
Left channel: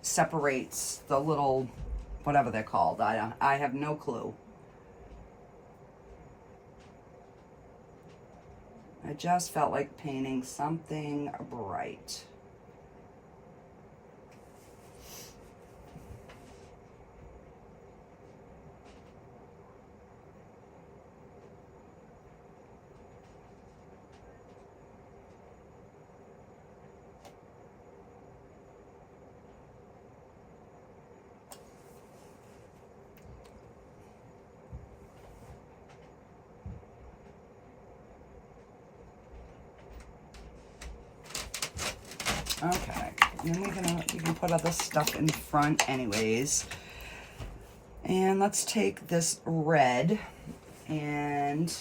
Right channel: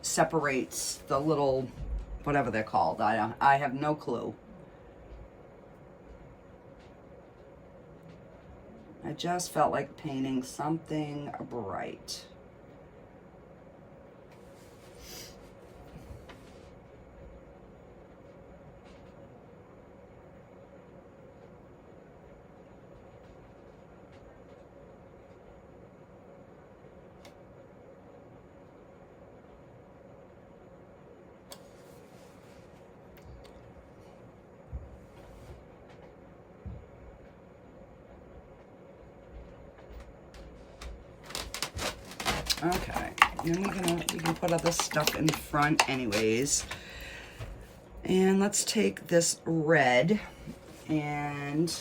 separates the little, whatever they're called. I have no clue. I just felt like painting something bright. Okay, then we can put other stuff in front anyways. And let's take this red and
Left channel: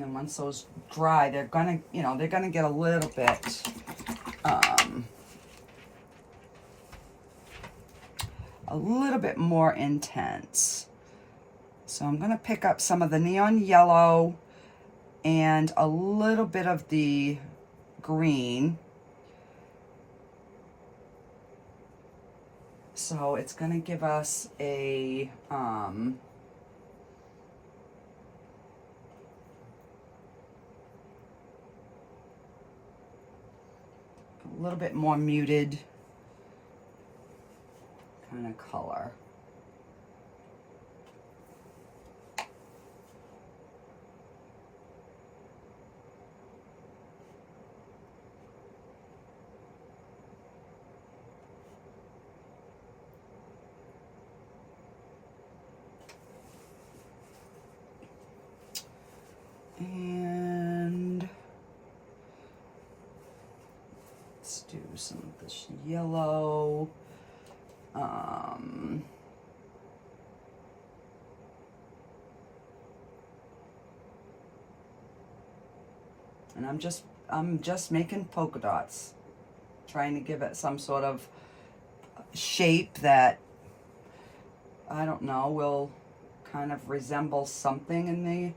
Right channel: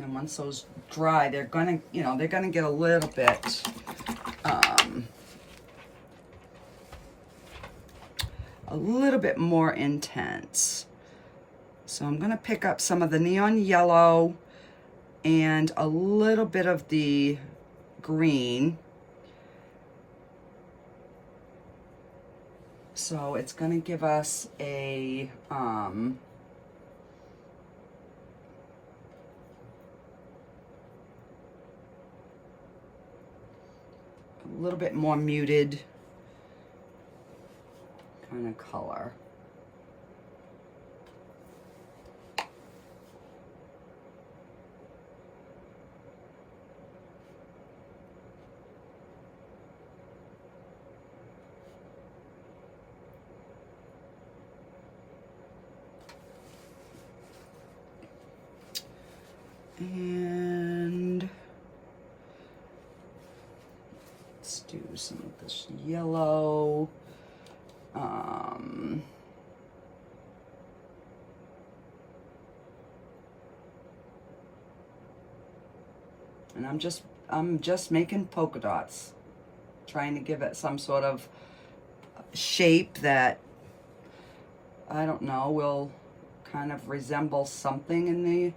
then once those dry, they're gonna, you know, they're gonna get a little bit more intense. So I'm gonna pick up some of the neon yellow and a little bit of the green. So it's gonna give us a little bit more muted kind of color. And let's do some of this yellow. And I'm just making polka dots, trying to give it some sort of shape that, I don't know, will kind of resemble something in the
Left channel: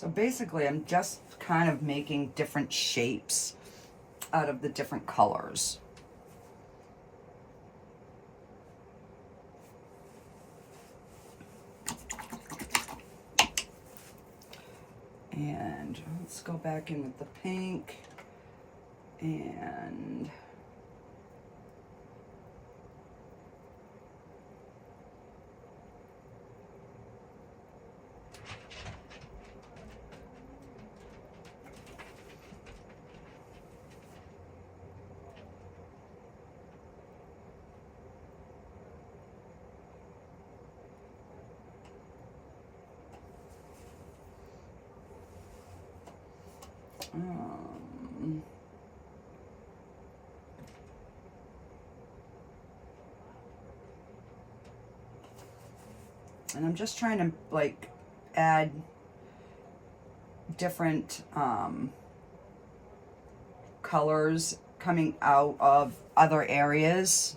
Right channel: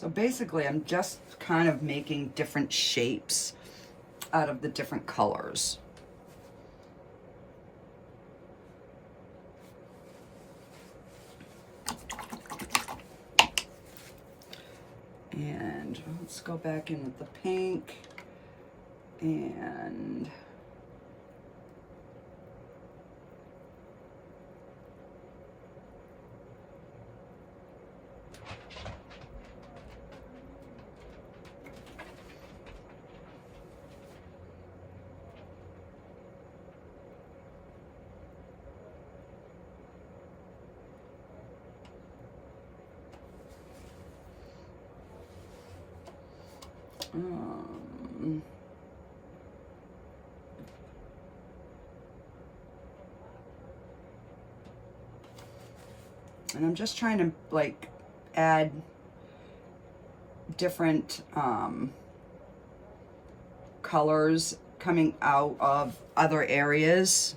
So basically, I'm just kind of making different shapes out of the different colors. And let's go back in with the pink and I'm just trying to like add different colors coming out of other areas.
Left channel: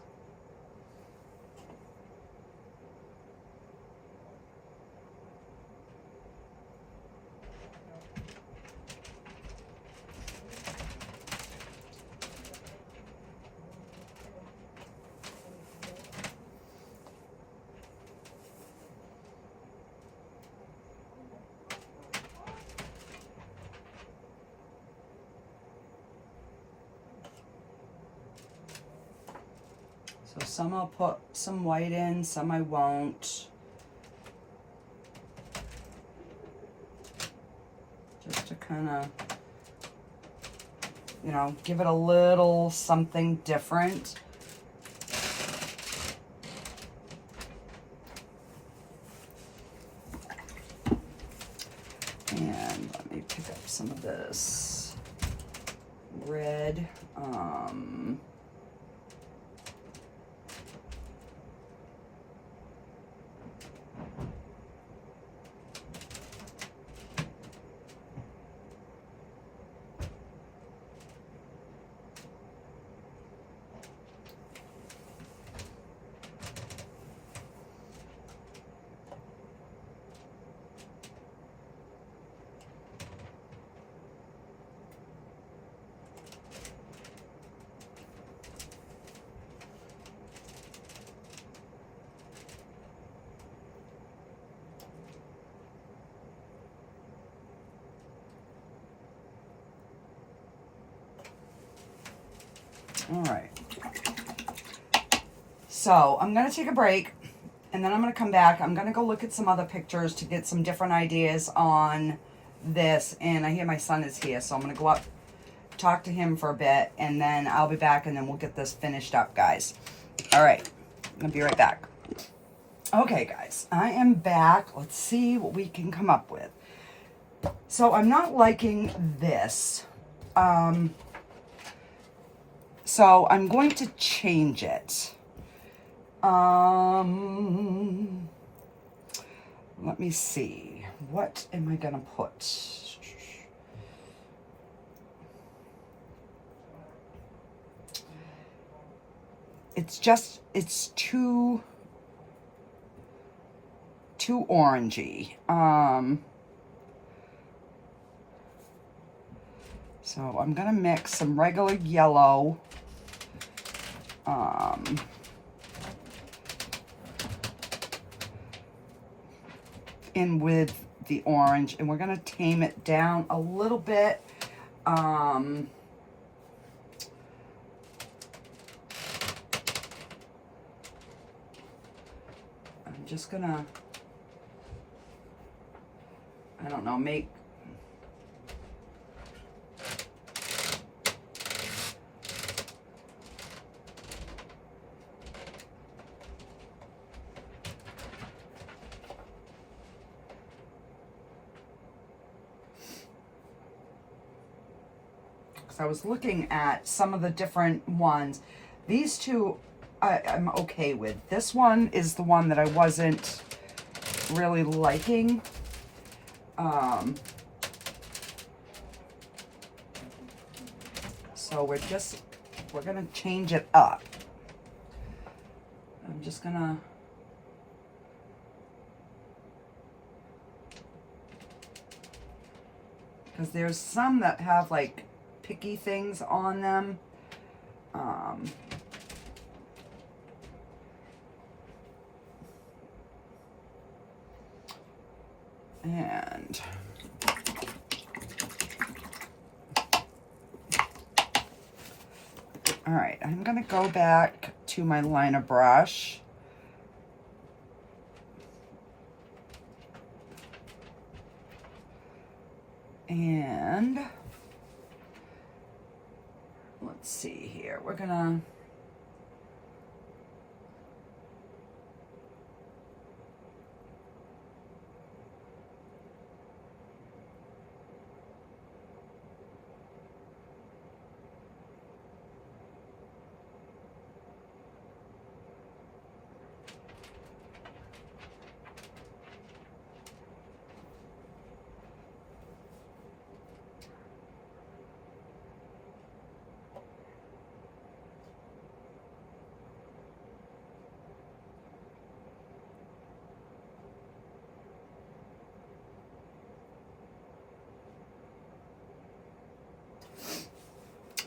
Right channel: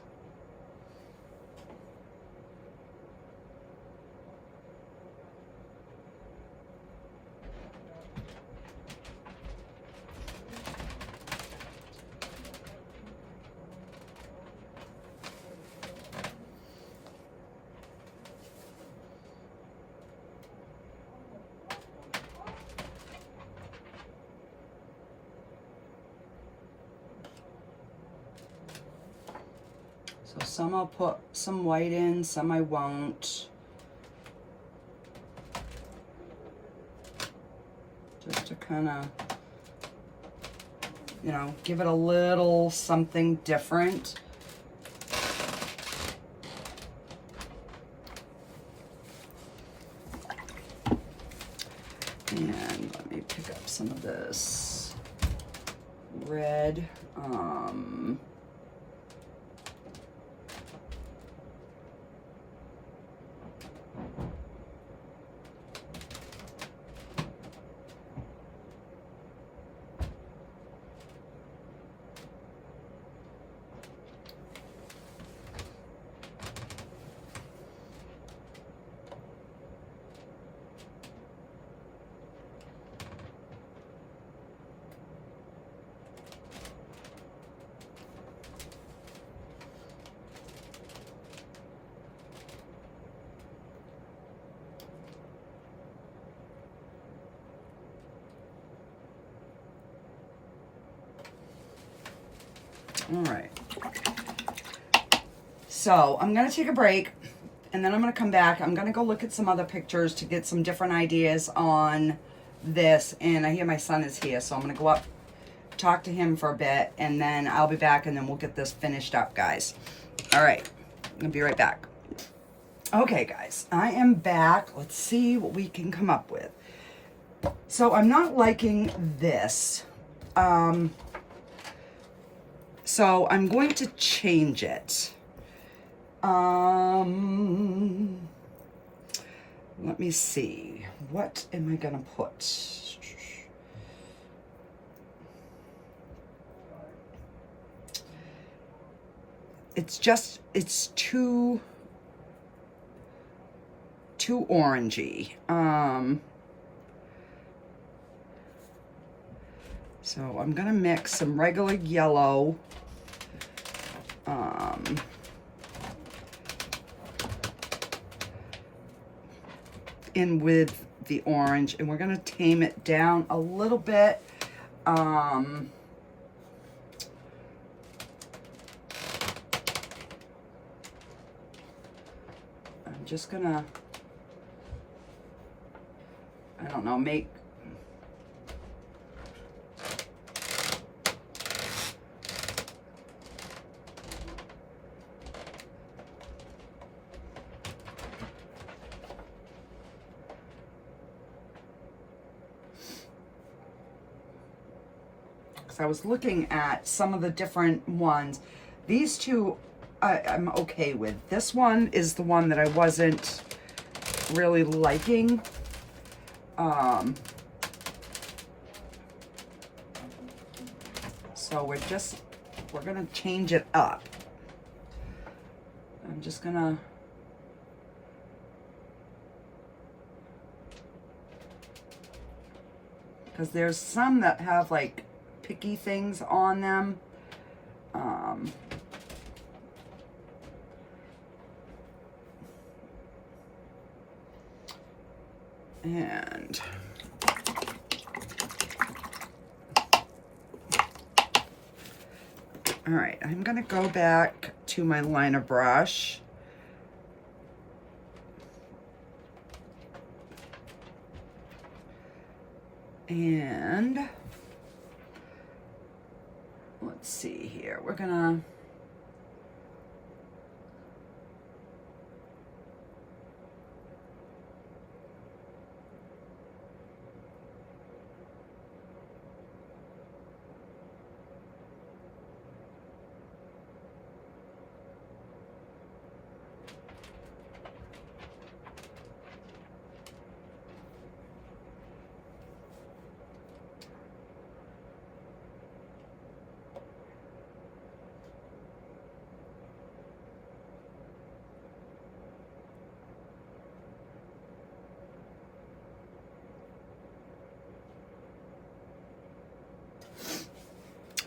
So some I'll put some white in, some I won't. Just to kind of, you know, give it a little something different. And let me pick up some of this red. All right. So I'm going to take a break and then I'm going to come back. I'm going to go look at some other pictures to get some different ideas on this. And I hear my son is here, so I'm going to go up, talk to him for a bit, and then I'll be back and then we'll get this finished up, guys. All right. I'm going to be right back. Okay, guys, I am back. Let's see what we can come up with. So I'm not liking this. So I'm going to change it. Let me see. What am I going to put? It's too orangey. So I'm going to mix some regular yellow. In with the orange, and we're going to tame it down a little bit. I'm just gonna, I don't know, make, because I was looking at some of the different ones. These two I'm okay with. This one is the one that I wasn't really liking. So we're gonna change it up. I'm just gonna, because there's some that have like picky things on them. And all right, I'm gonna go back to my liner brush. And let's see here, we're gonna,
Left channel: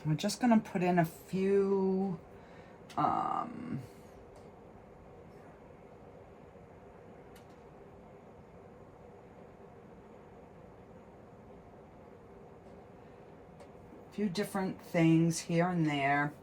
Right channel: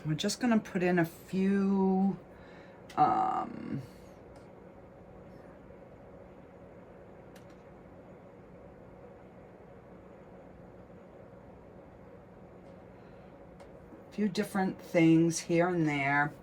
we're just gonna put in a few, different things here and there.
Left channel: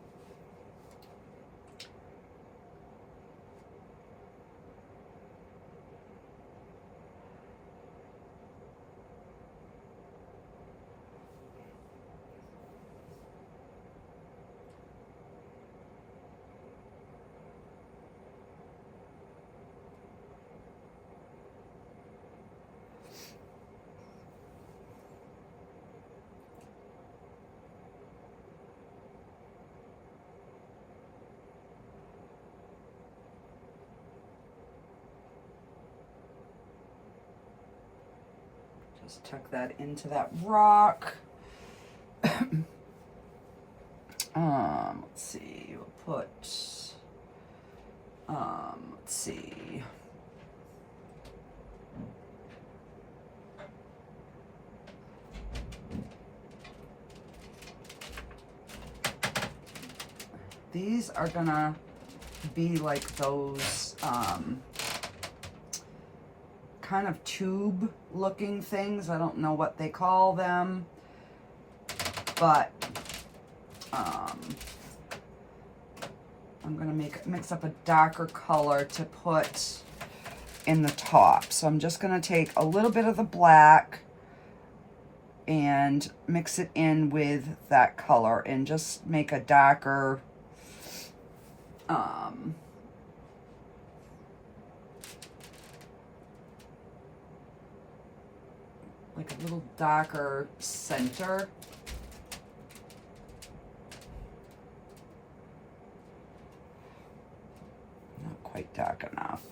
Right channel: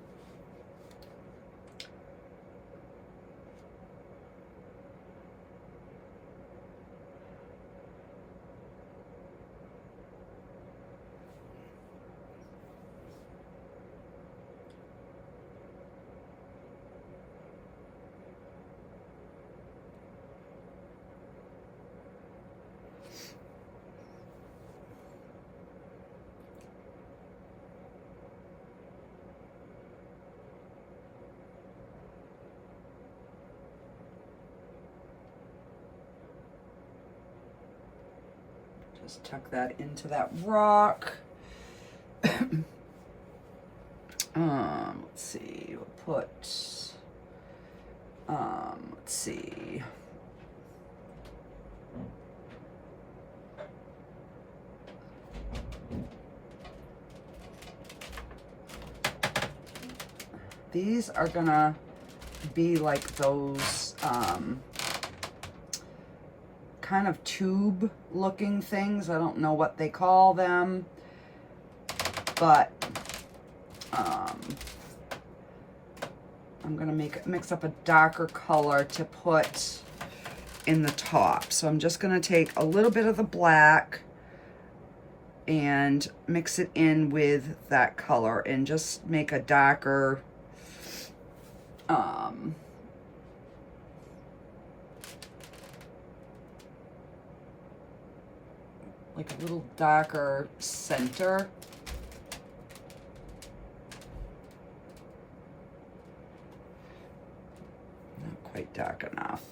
Just tuck that into that rock. Let's see, we'll put, let's see. These are gonna be like those, kind of tube looking things. I don't know what they call them, but I'm gonna mix up a darker color to put in the top. So I'm just gonna take a little bit of the black and mix it in with that color and just make a darker, like a little darker center. Not quite dark enough.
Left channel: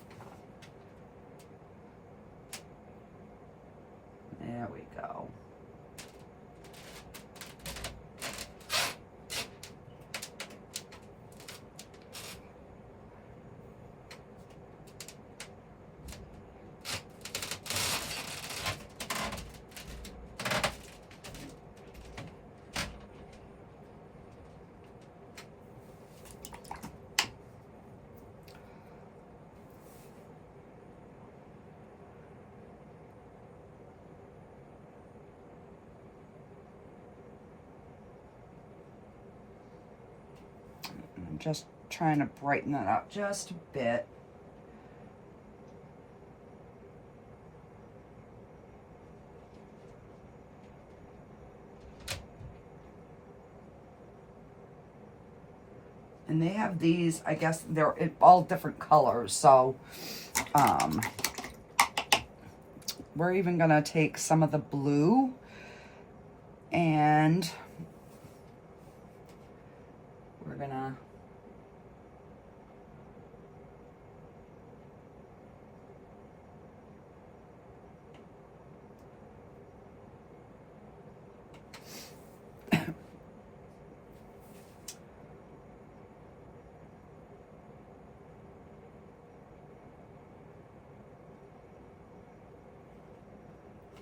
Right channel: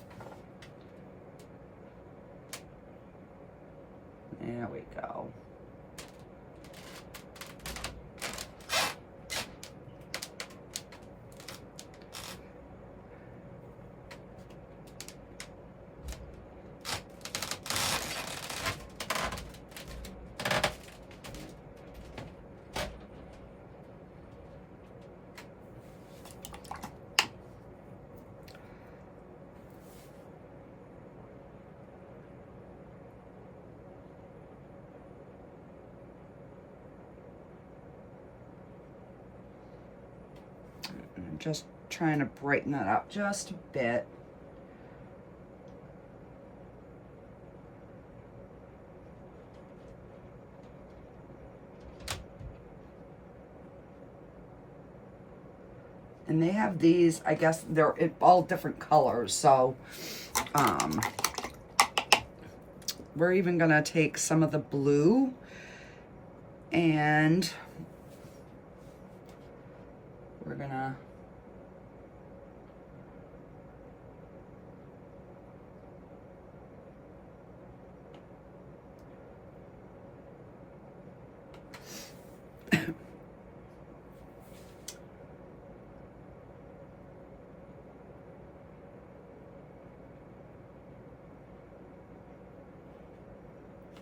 There we go. I'm just trying to brighten that up just a bit. And they have these, I guess they're all different colors. So we're even gonna take some of the blue and we're gonna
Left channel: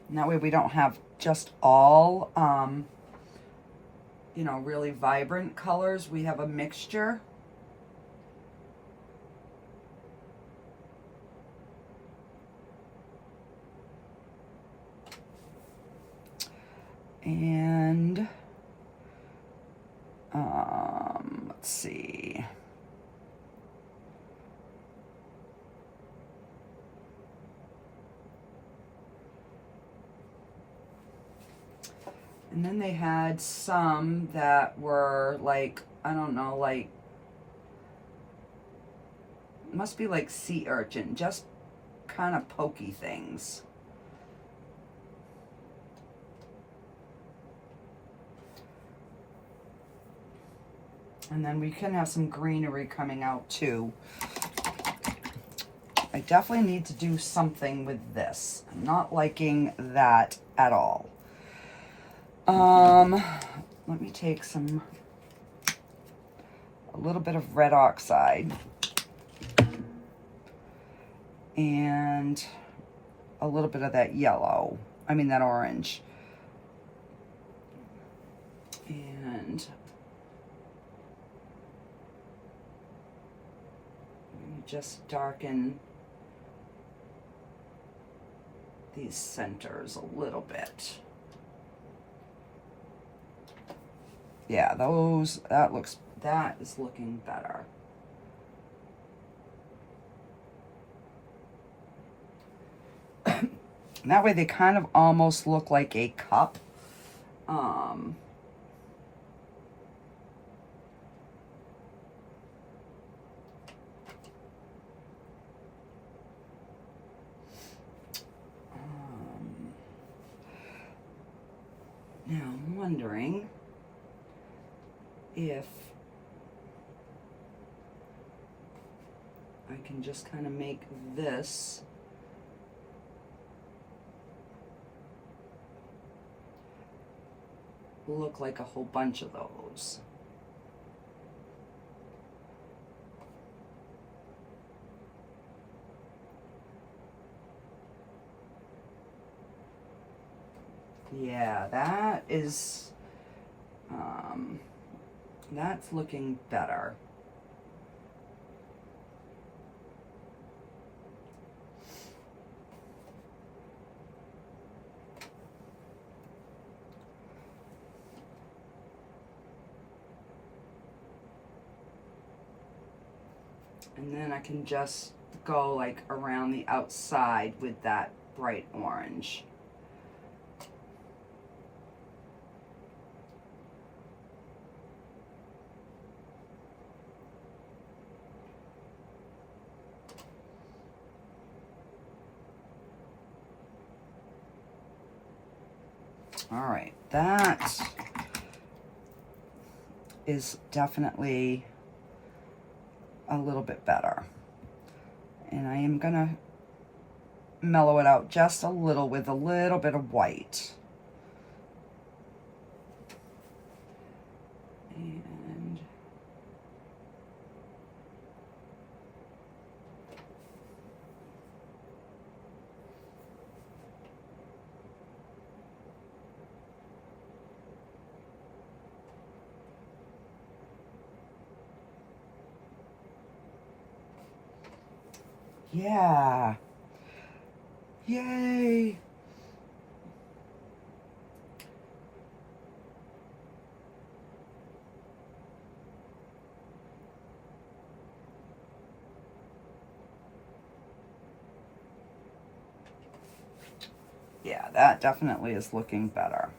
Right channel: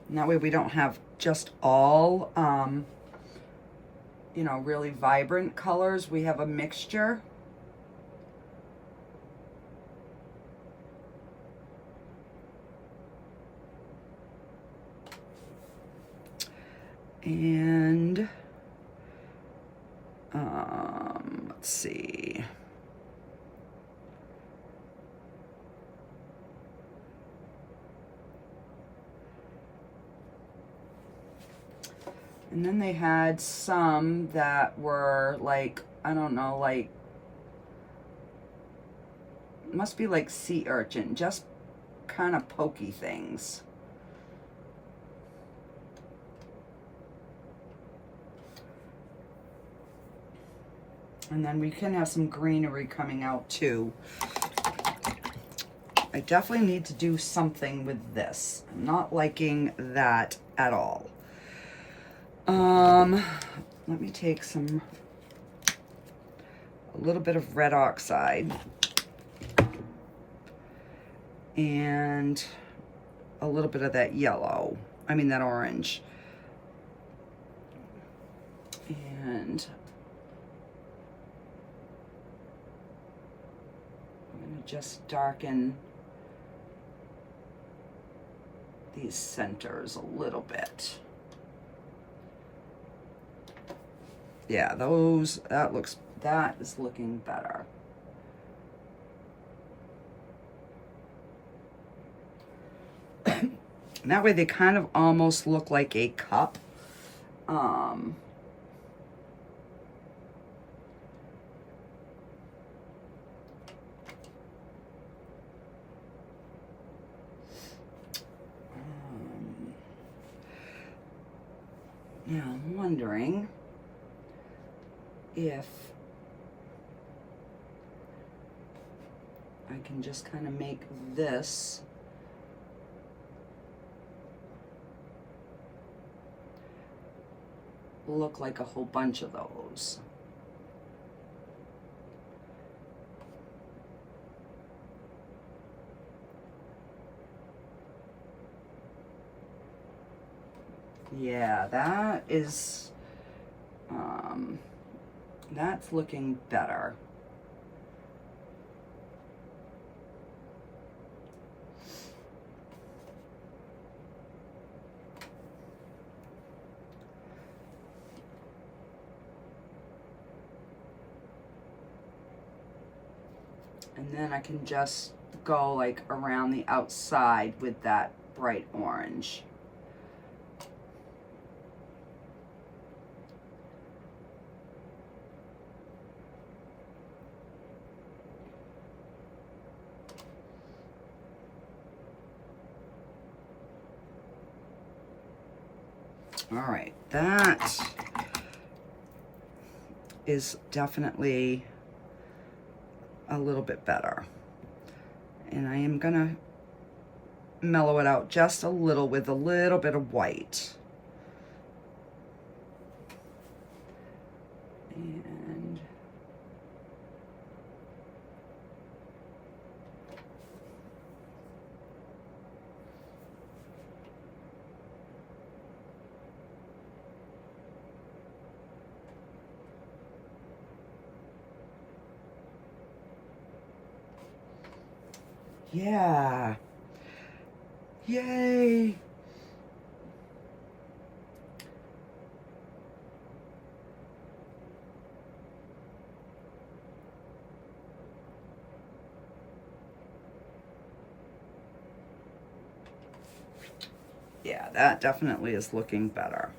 and that way we don't have just all, you know, really vibrant colors. We have a mixture. And, let's see. And then they had some that were like, I don't know, like, must be like sea urchin, just kind of pokey things. And then we can have some greenery coming out too. I definitely need to do something with this. I'm not liking that at all. Let me take a little bit of red oxide and a little bit of that yellow, that orange. And I'm gonna just darken these centers a little bit. Yeah, that is looking better. That way they kind of almost look like a cup. Now I'm wondering if I can just kind of make this look like a whole bunch of those. Yeah, that is, that's looking better. And then I can just go like around the outside with that bright orange. All right, that is definitely a little bit better. And I am gonna mellow it out just a little with a little bit of white. And yeah. Yay. Yeah, that definitely is looking better.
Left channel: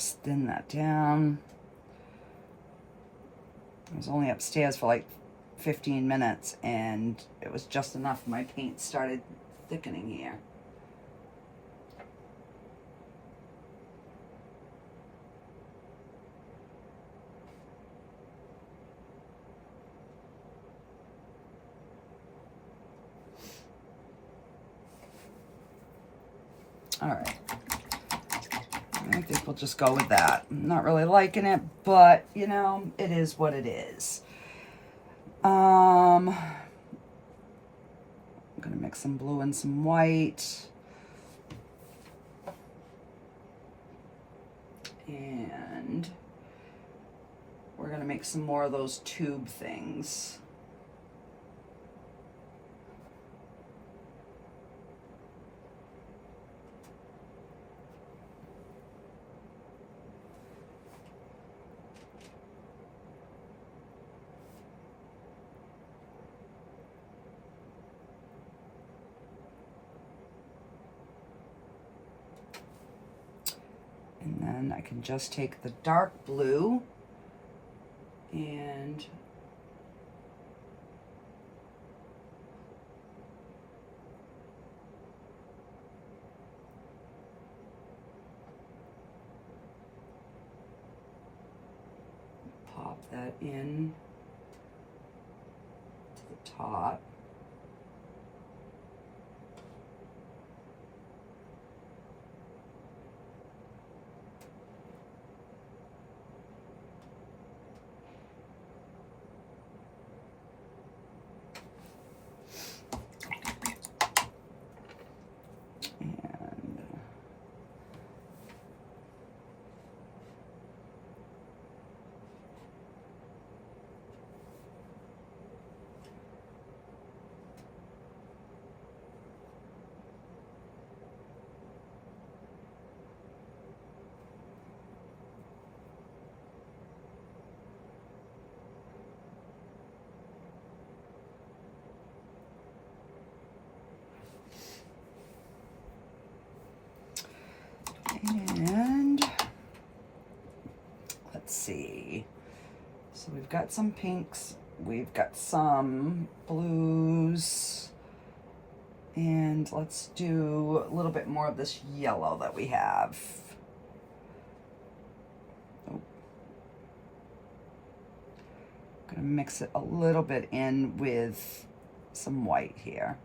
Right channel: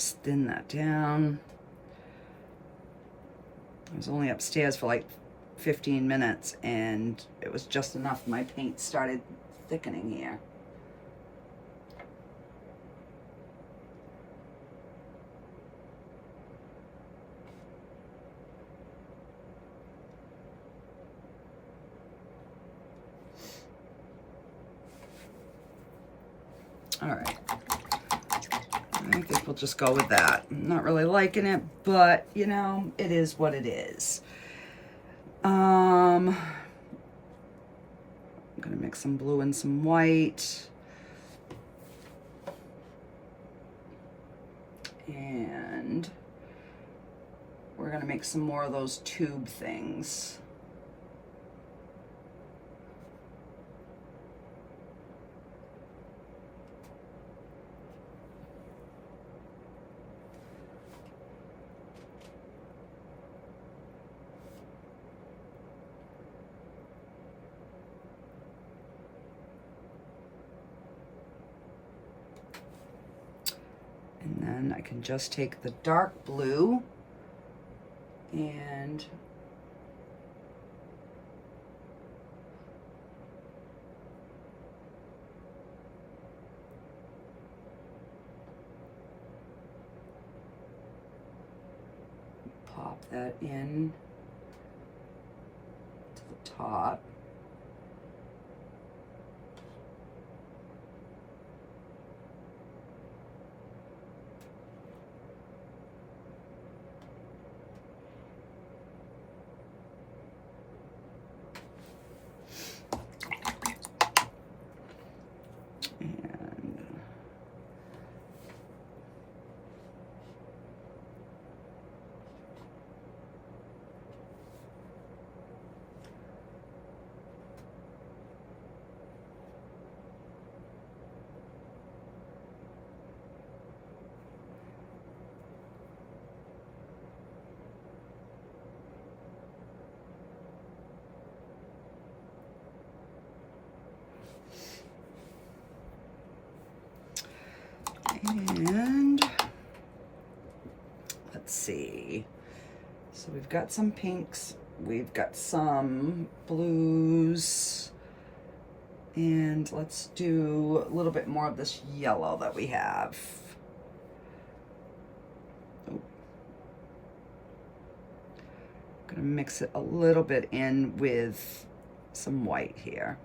just thin that down. I was only upstairs for like 15 minutes and it was just enough. My paint started thickening here. All right. I think we'll just go with that. I'm not really liking it, but you know, it is what it is. I'm gonna mix some blue and some white. And we're gonna make some more of those tube things. And then I can just take the dark blue and pop that in to the top. And let's see. So we've got some pinks, we've got some blues, and let's do a little bit more of this yellow that we have. Oh. I'm gonna mix it a little bit in with some white here.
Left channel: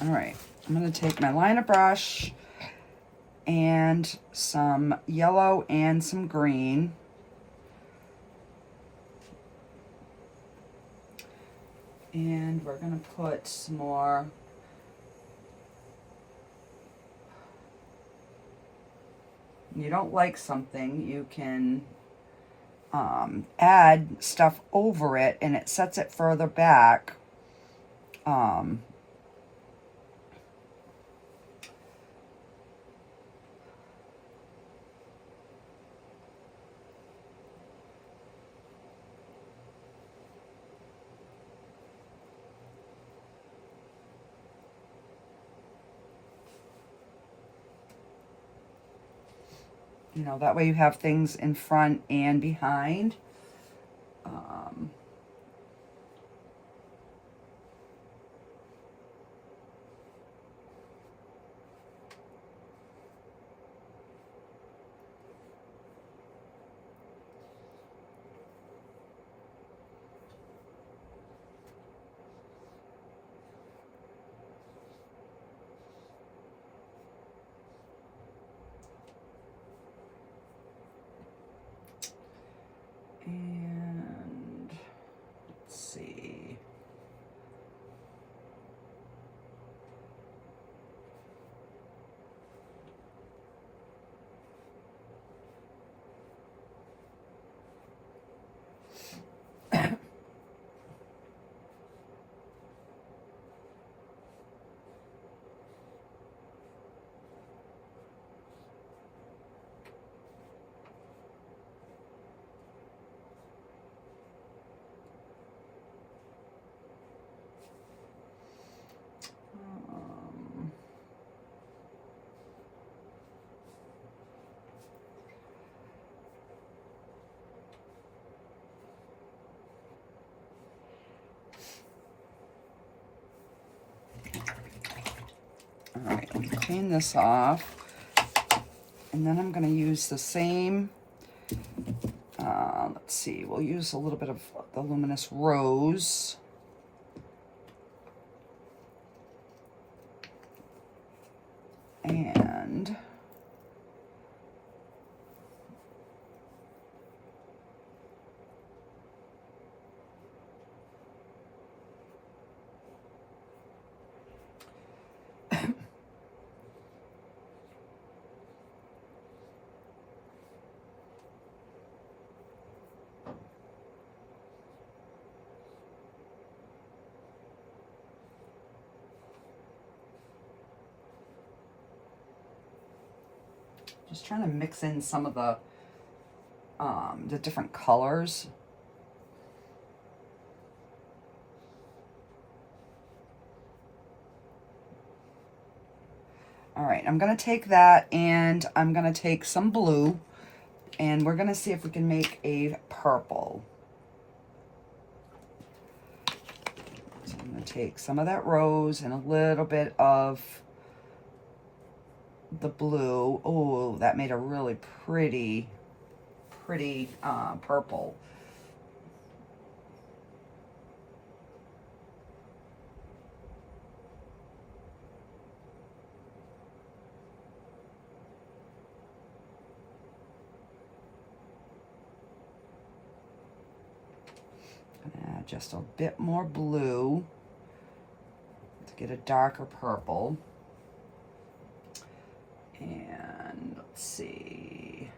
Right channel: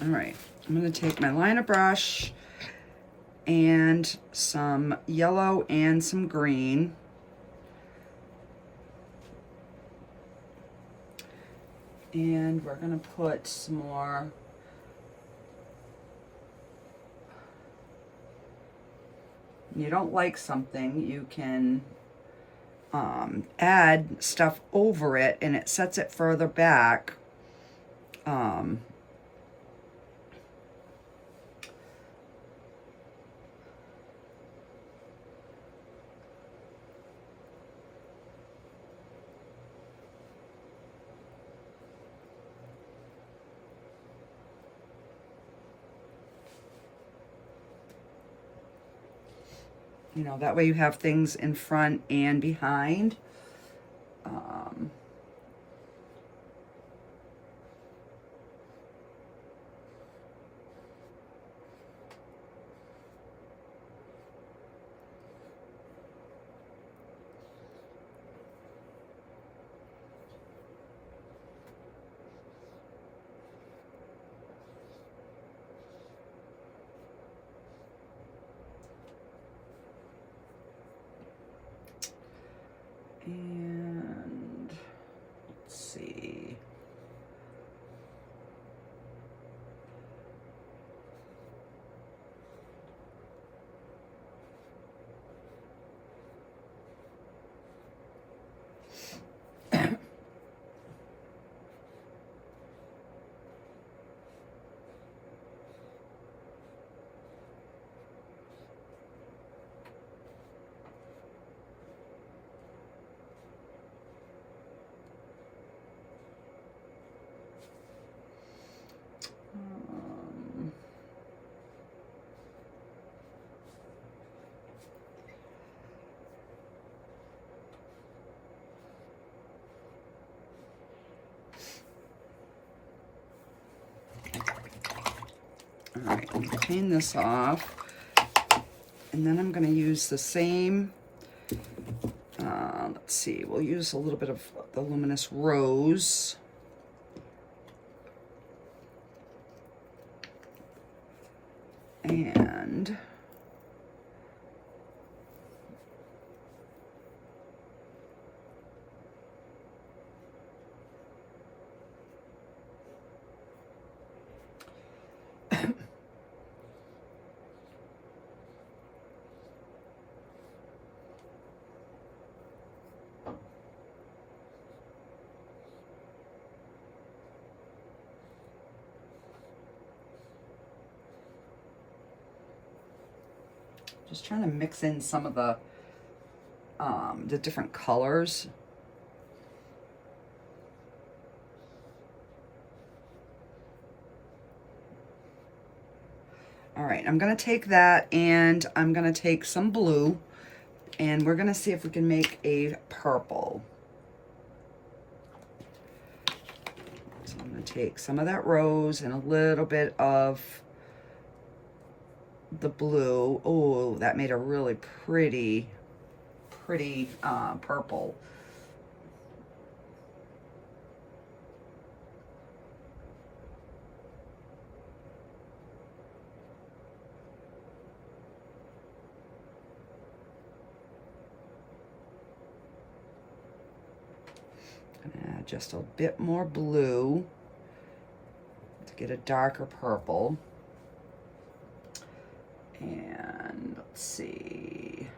All right, I'm going to take my liner brush and some yellow and some green. And we're going to put some more you don't like something, you can add stuff over it and it sets it further back. You know, that way you have things in front and behind. And let's see. All right, let me clean this off. And then I'm going to use the same, let's see, we'll use a little bit of the Luminous Rose. And just trying to mix in some of the different colors. All right, I'm gonna take that and I'm gonna take some blue and we're gonna see if we can make a purple. So I'm gonna take some of that rose and a little bit of the blue. Oh, that made a really pretty purple. Add just a bit more blue to get a darker purple. And let's see.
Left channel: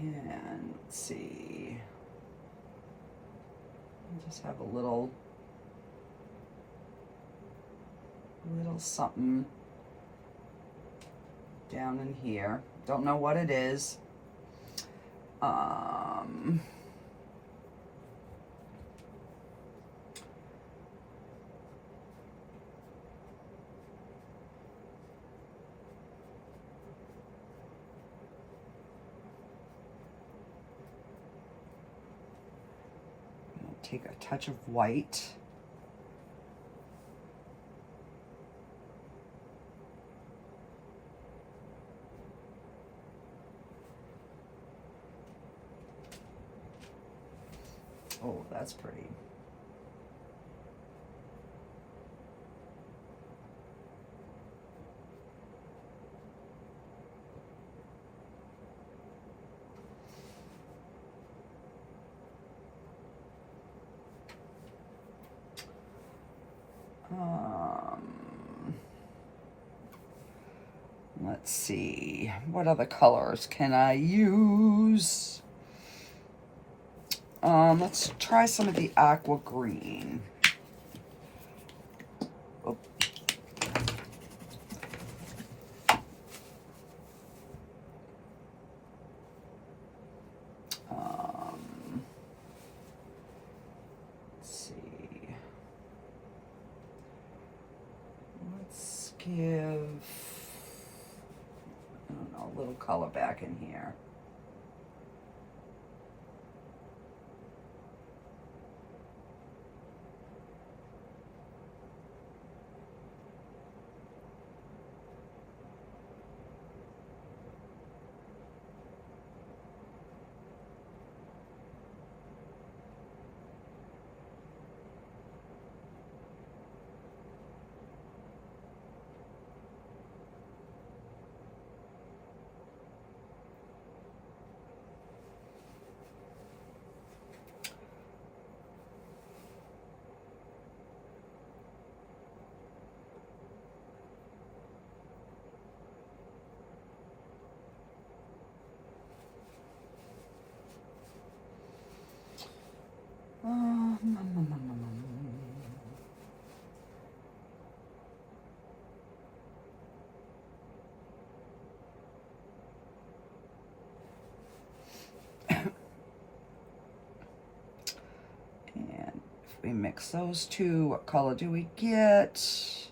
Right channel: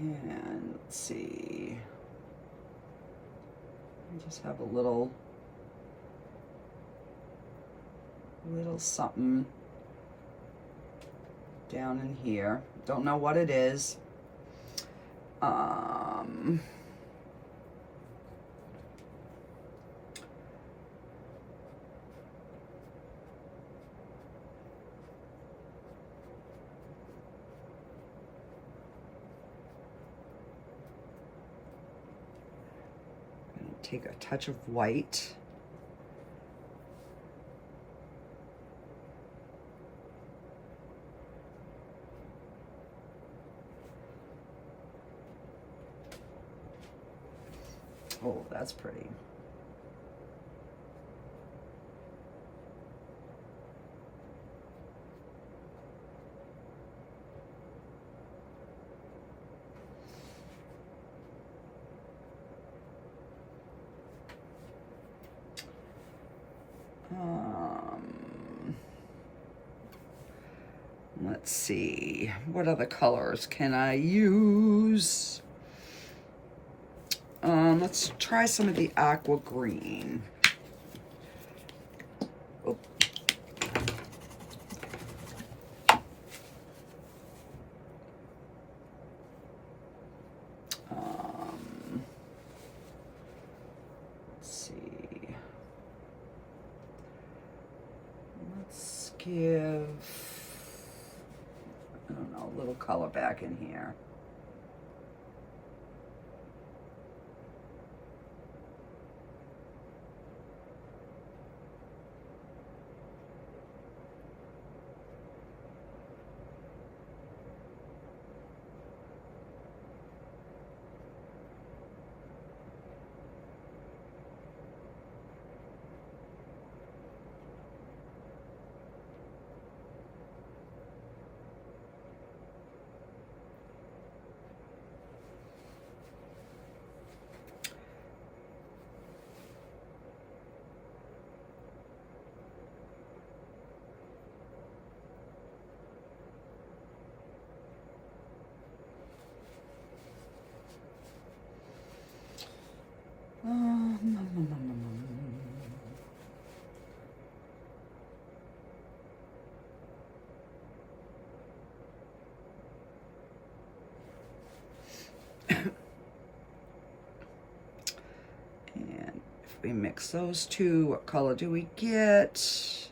And let's see. I just have a little something down in here. Don't know what it is. Take a touch of white. Oh, that's pretty. Let's see, what other colors can I use? Let's try some of the aqua green. Oh. Let's see. Let's give, I don't know, a little color back in here. We mix those two. What color do we get?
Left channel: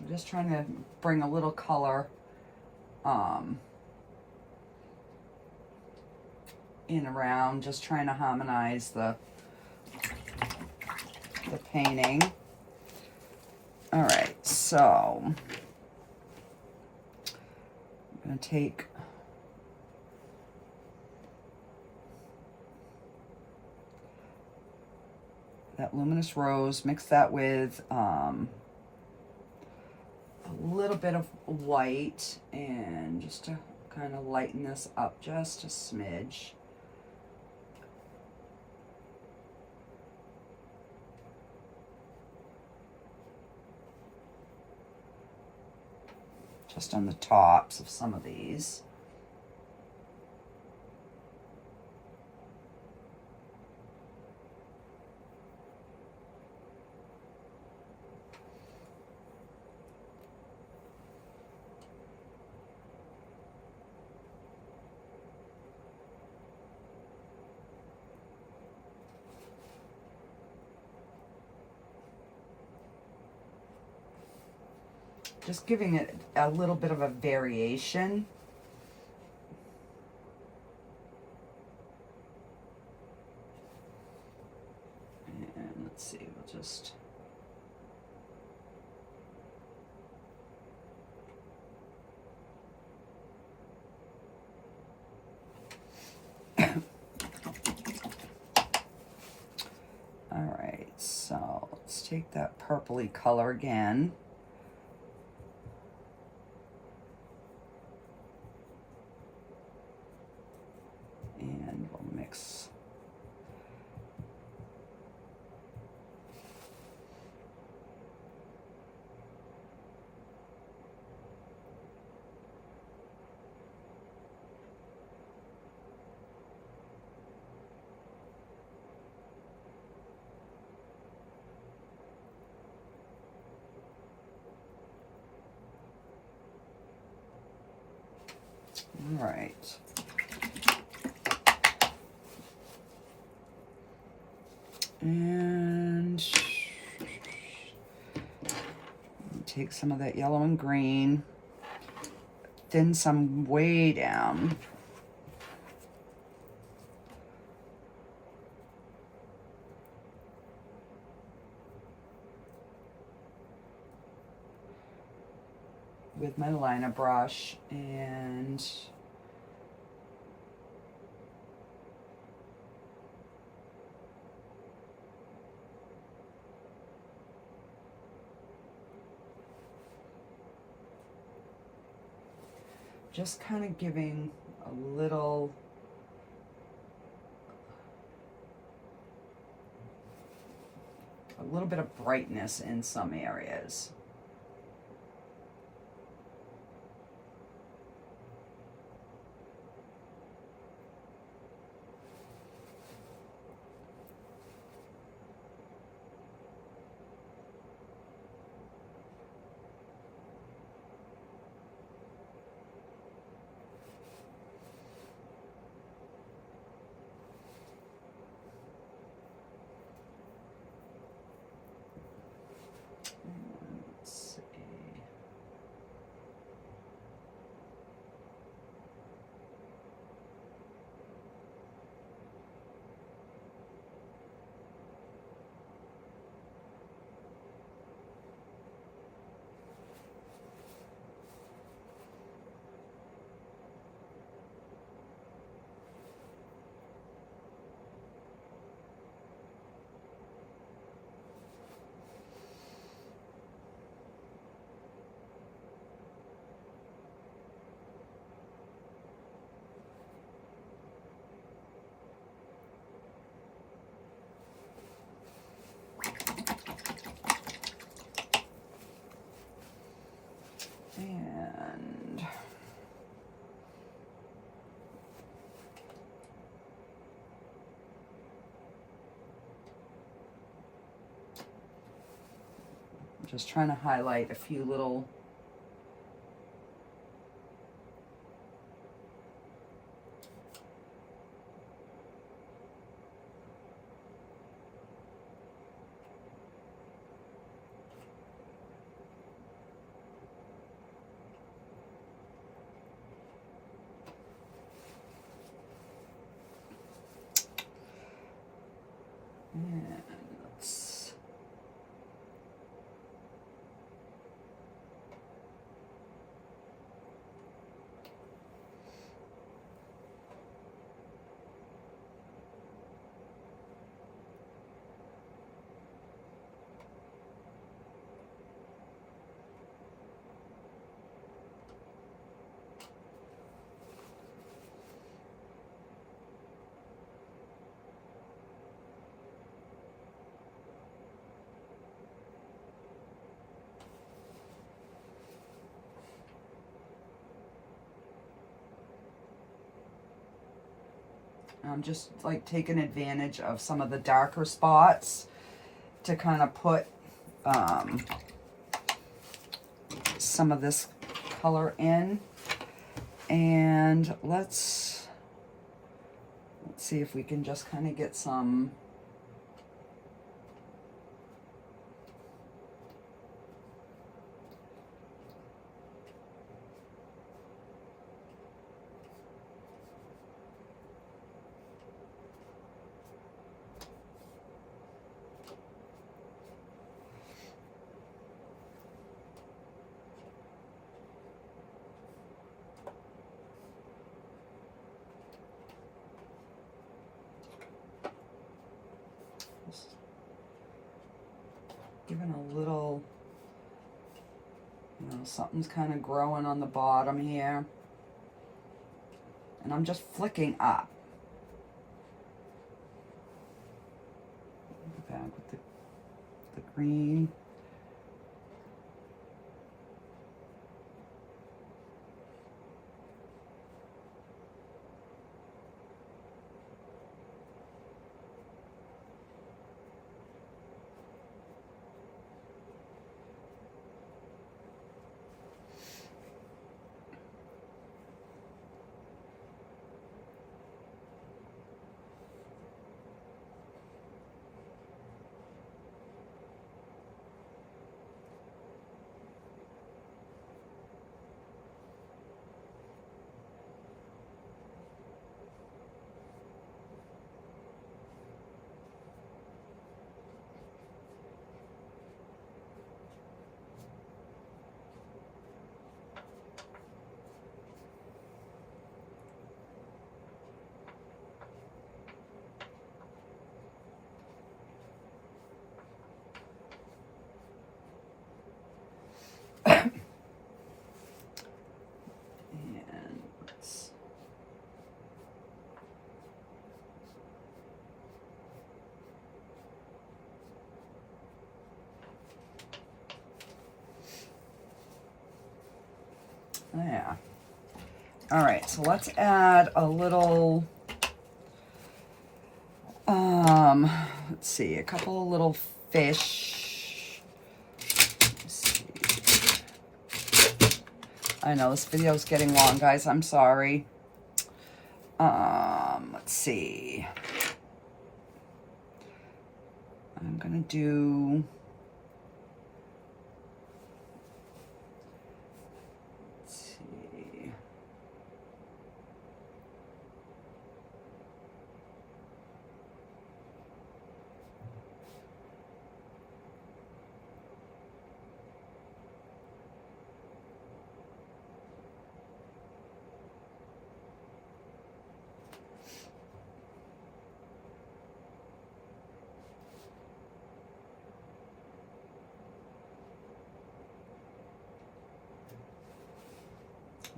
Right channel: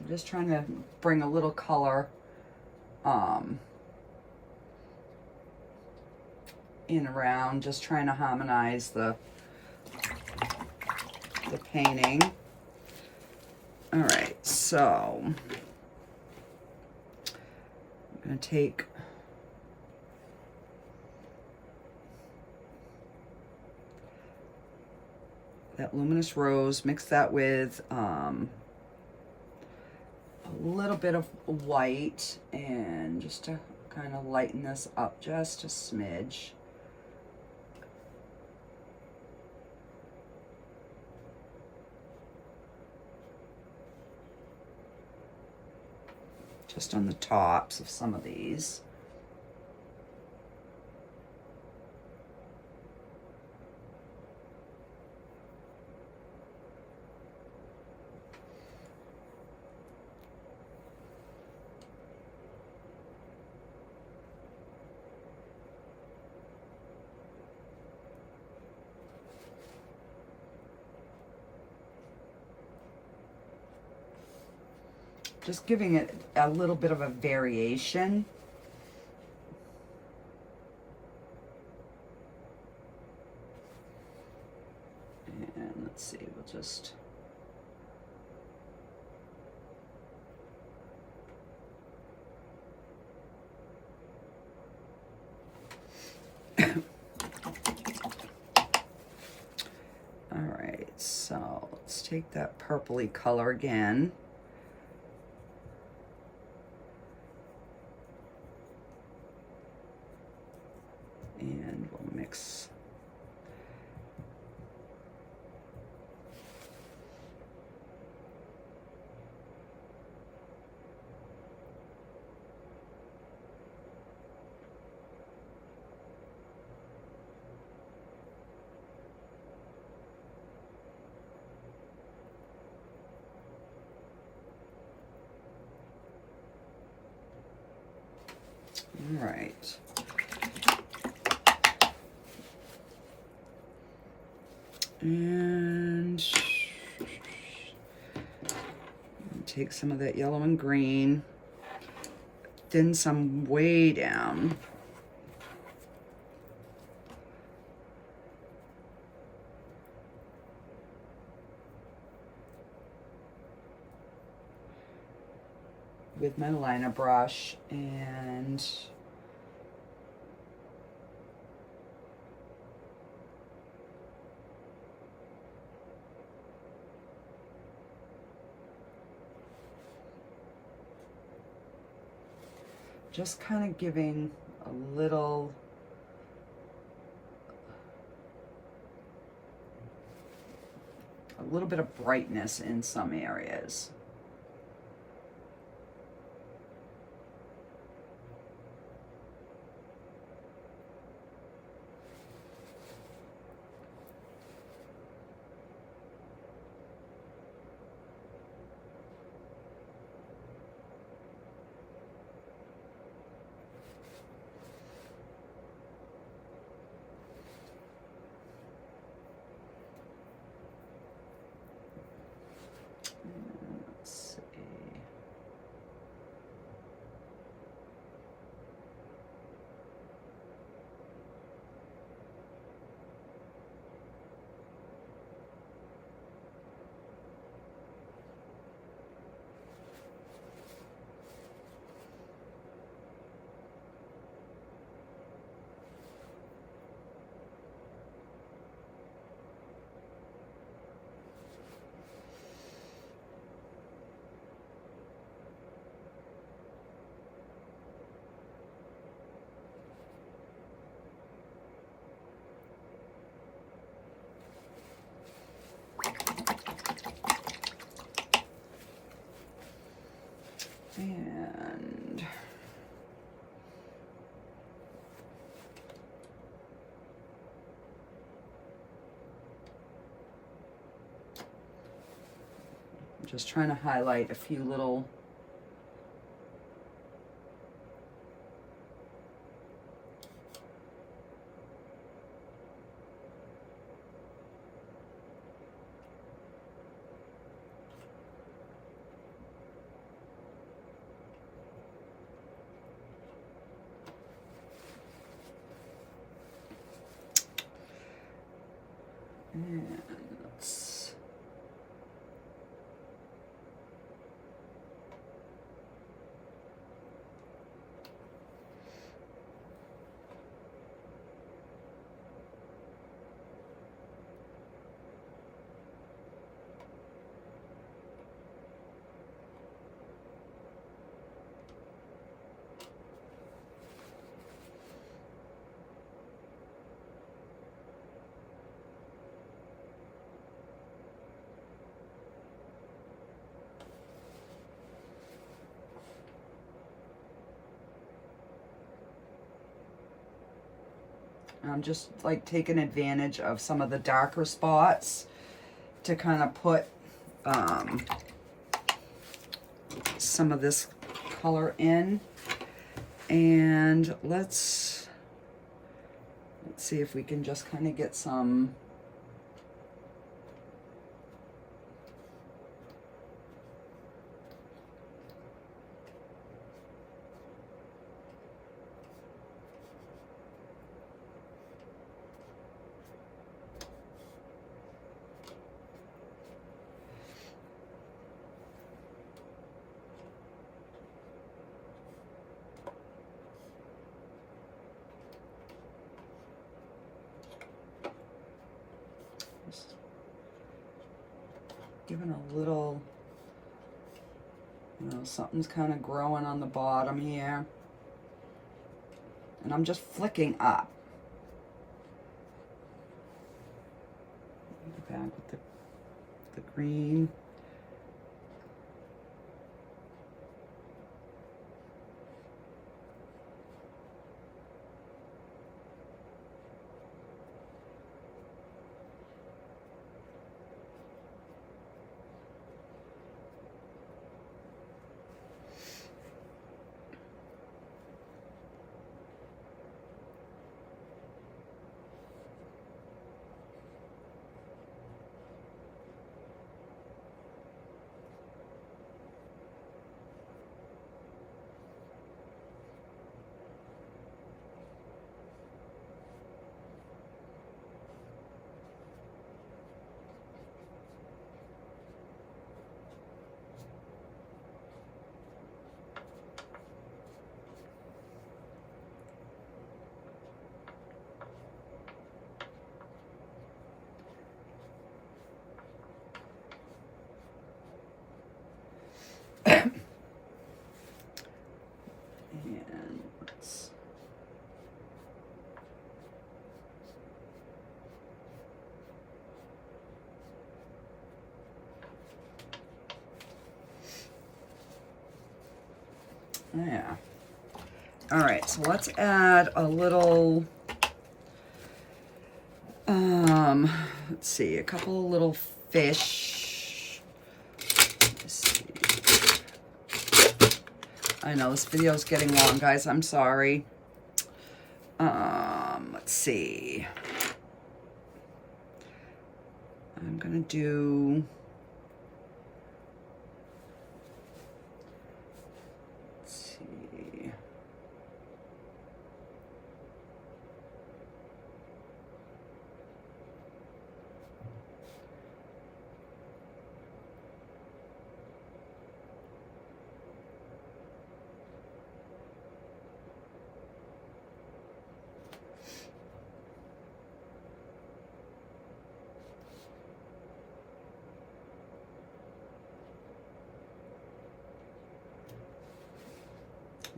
I'm just trying to bring a little color in around, just trying to harmonize the painting. All right, so I'm going to take that luminous rose, mix that with a little bit of white, and just to kind of lighten this up just a smidge. Just on the tops of some of these. Just giving it a little bit of a variation. And let's see, we'll just... All right, so let's take that purpley color again. And we'll mix all right. And take some of that yellow and green, thin some way down. With my liner brush, and just kind of giving a little bit of brightness in some areas. Just trying to highlight a few little and let's I'm just like taking advantage of some of the darker spots to kind of put some of this color in. And let's see if we can just kind of get some giving a little, you know, something's kind of growing on the bottom here. And I'm just flicking up. Go back with the green. Yeah. All right, so let's add a little, let's see, a couple of little fish. Let's see. I know this video is getting long, guys. I'm sorry. Let's see. I'm gonna do,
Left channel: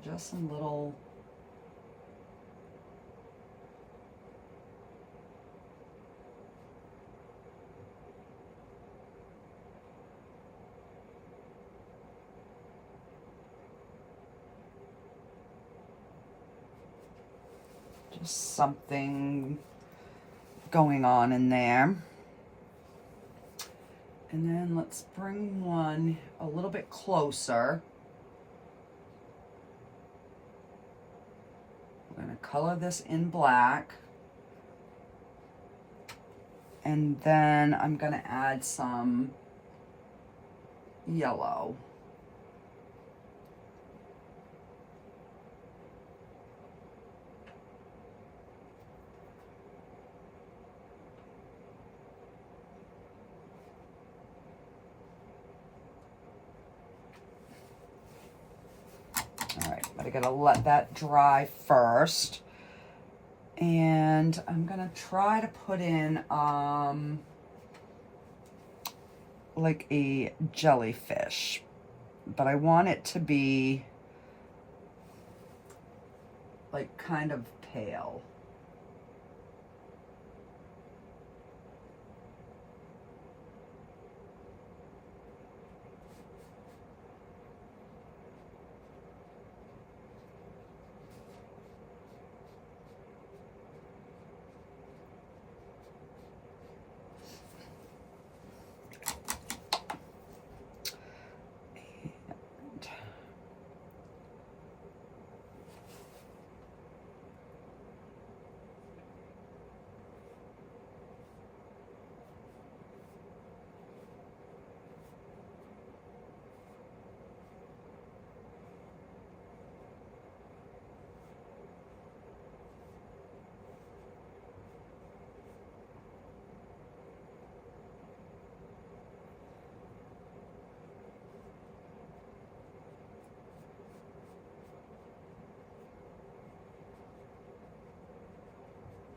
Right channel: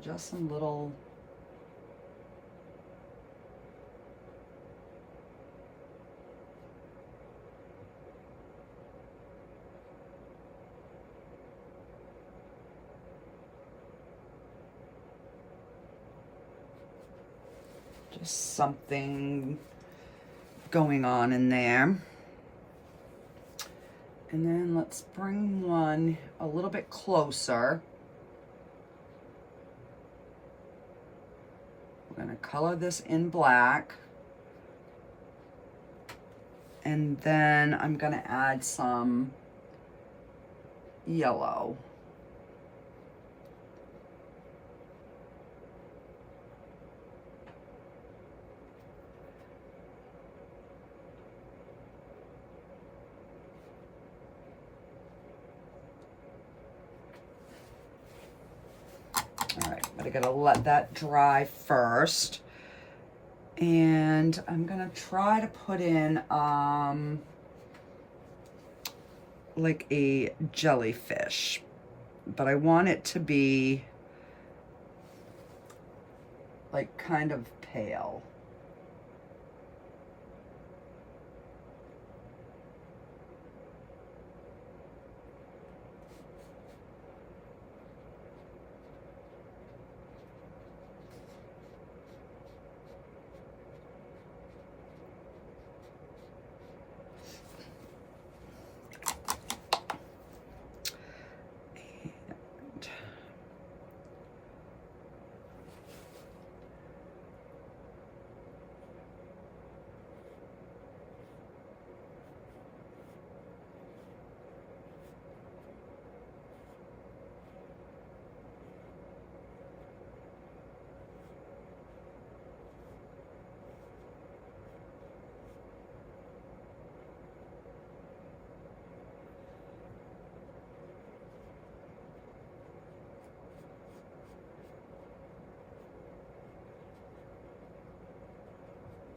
just some little, just something going on in there. And then let's bring one a little bit closer. We're going to color this in black. And then I'm going to add some yellow. All right, but I gotta let that dry first. And I'm gonna try to put in like a jellyfish, but I want it to be like kind of pale.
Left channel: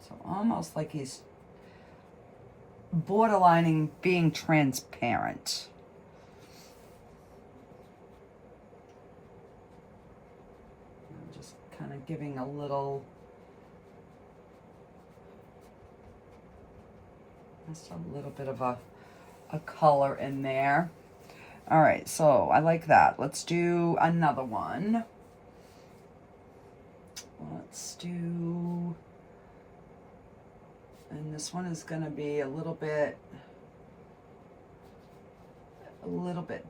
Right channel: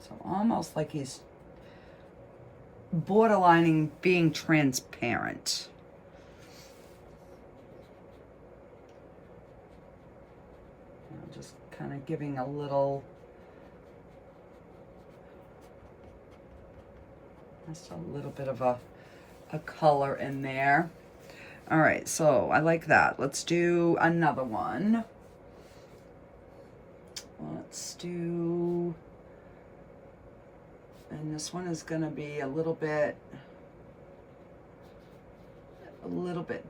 So almost like he's borderlining being transparent. I'm just kind of giving a little, just a little bit of a color in there. All right, so I like that. Let's do another one. Let's do, and this one is gonna be a little bit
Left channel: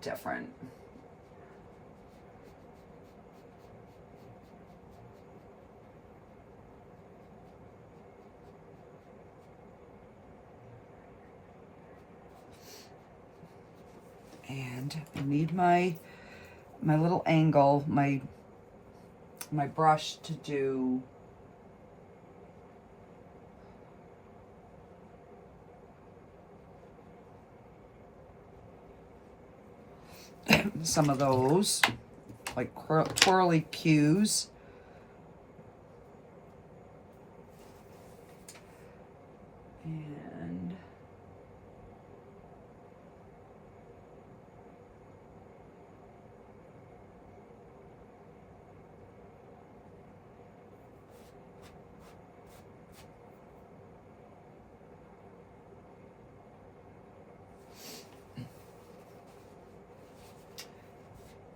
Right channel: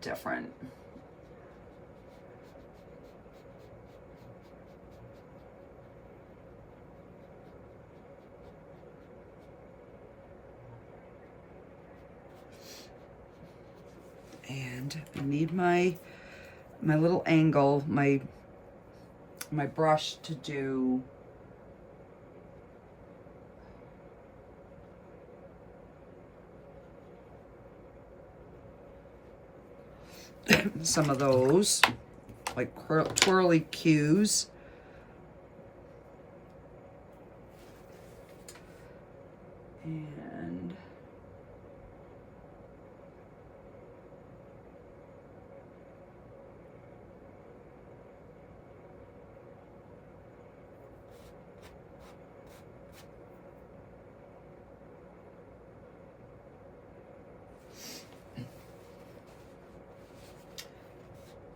different. And I need my little angle, my brush to do some of those like twirly cues. And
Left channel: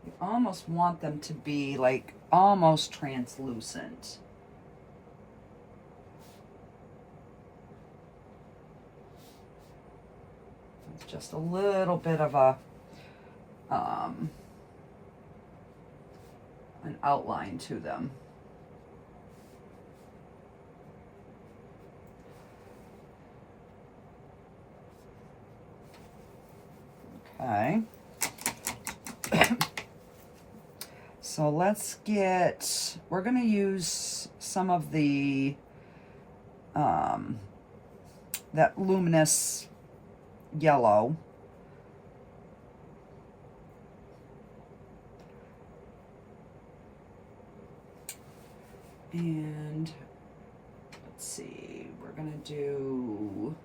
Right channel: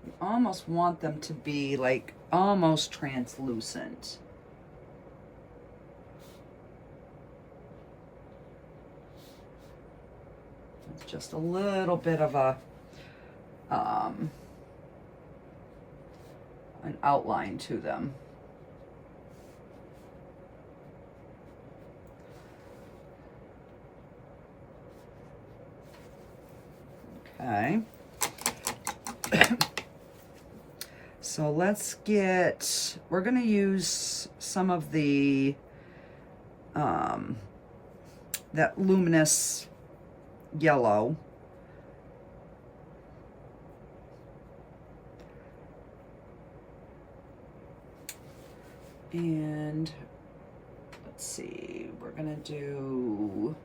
you almost want them to be like almost translucent. It's just a little bit of a an outline to them. Okay. So let's get, we're going to use some of the, that luminous yellow. And let's see, we're going to do,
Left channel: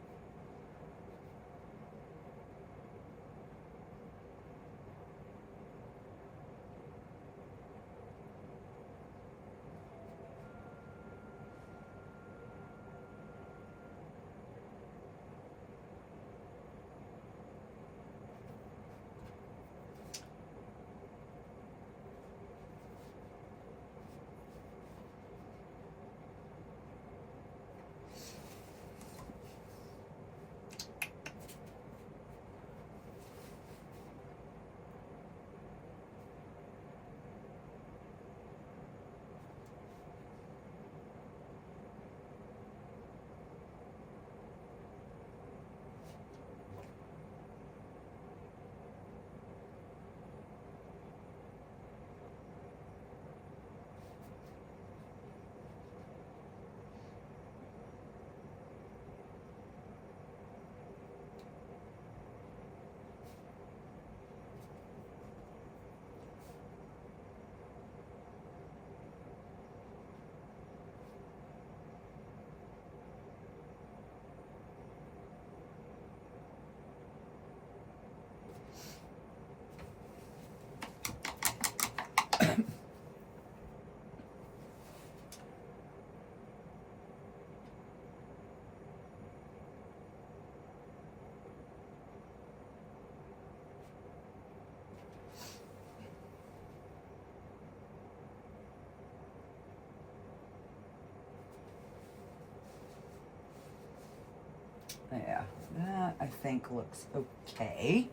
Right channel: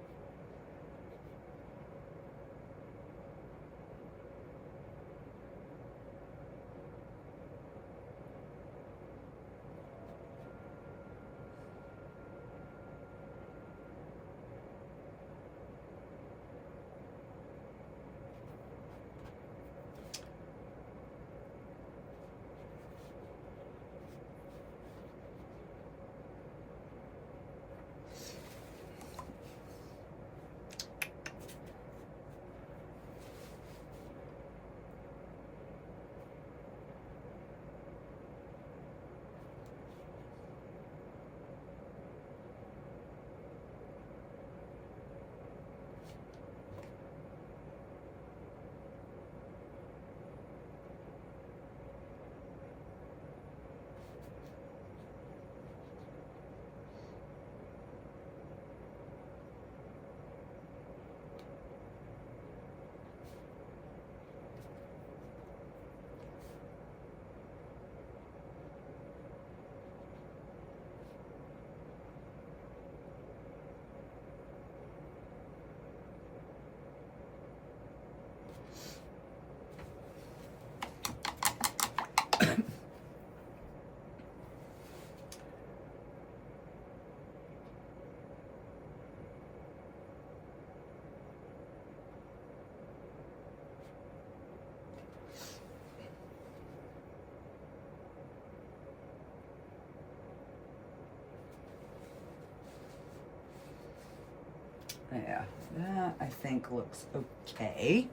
Yeah, that I think looks okay.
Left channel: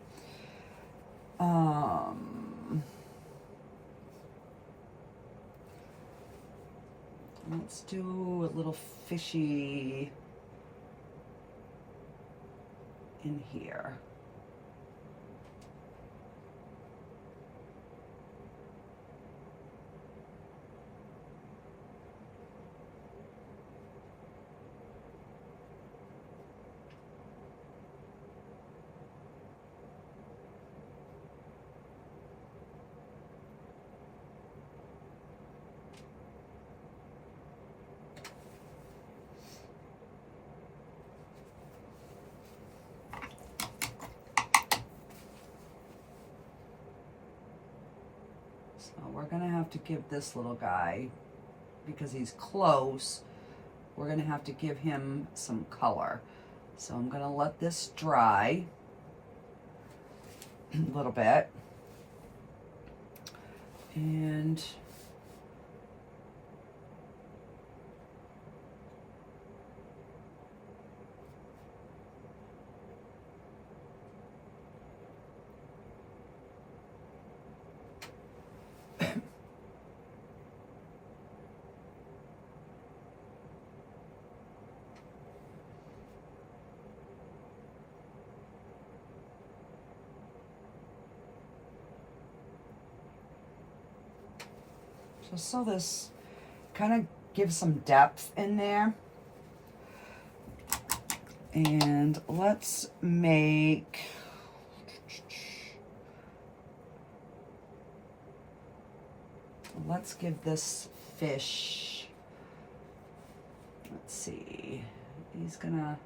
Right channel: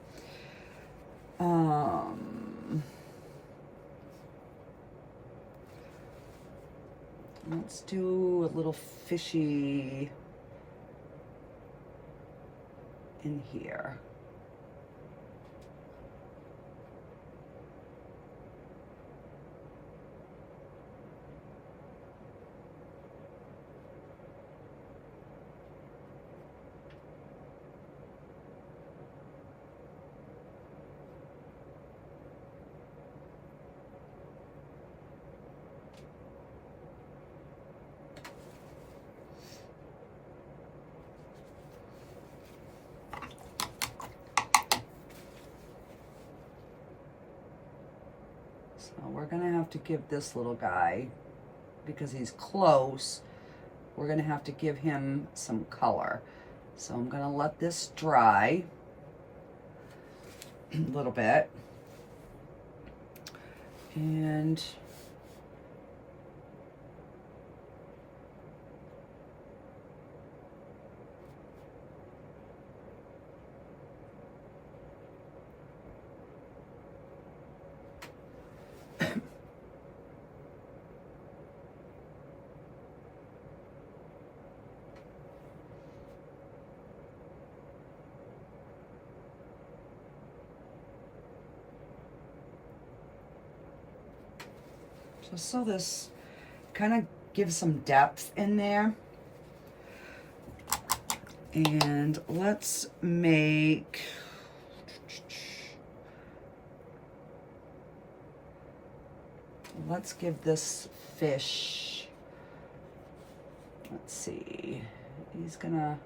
Let's do a little fishy in here. So we're gonna have to give this little guy, because he's close, we're gonna have to give him some color. So I'm gonna let this dry a little bit. And so this kind of gives some depth in there. And let's give this fish, let's see, he's gonna,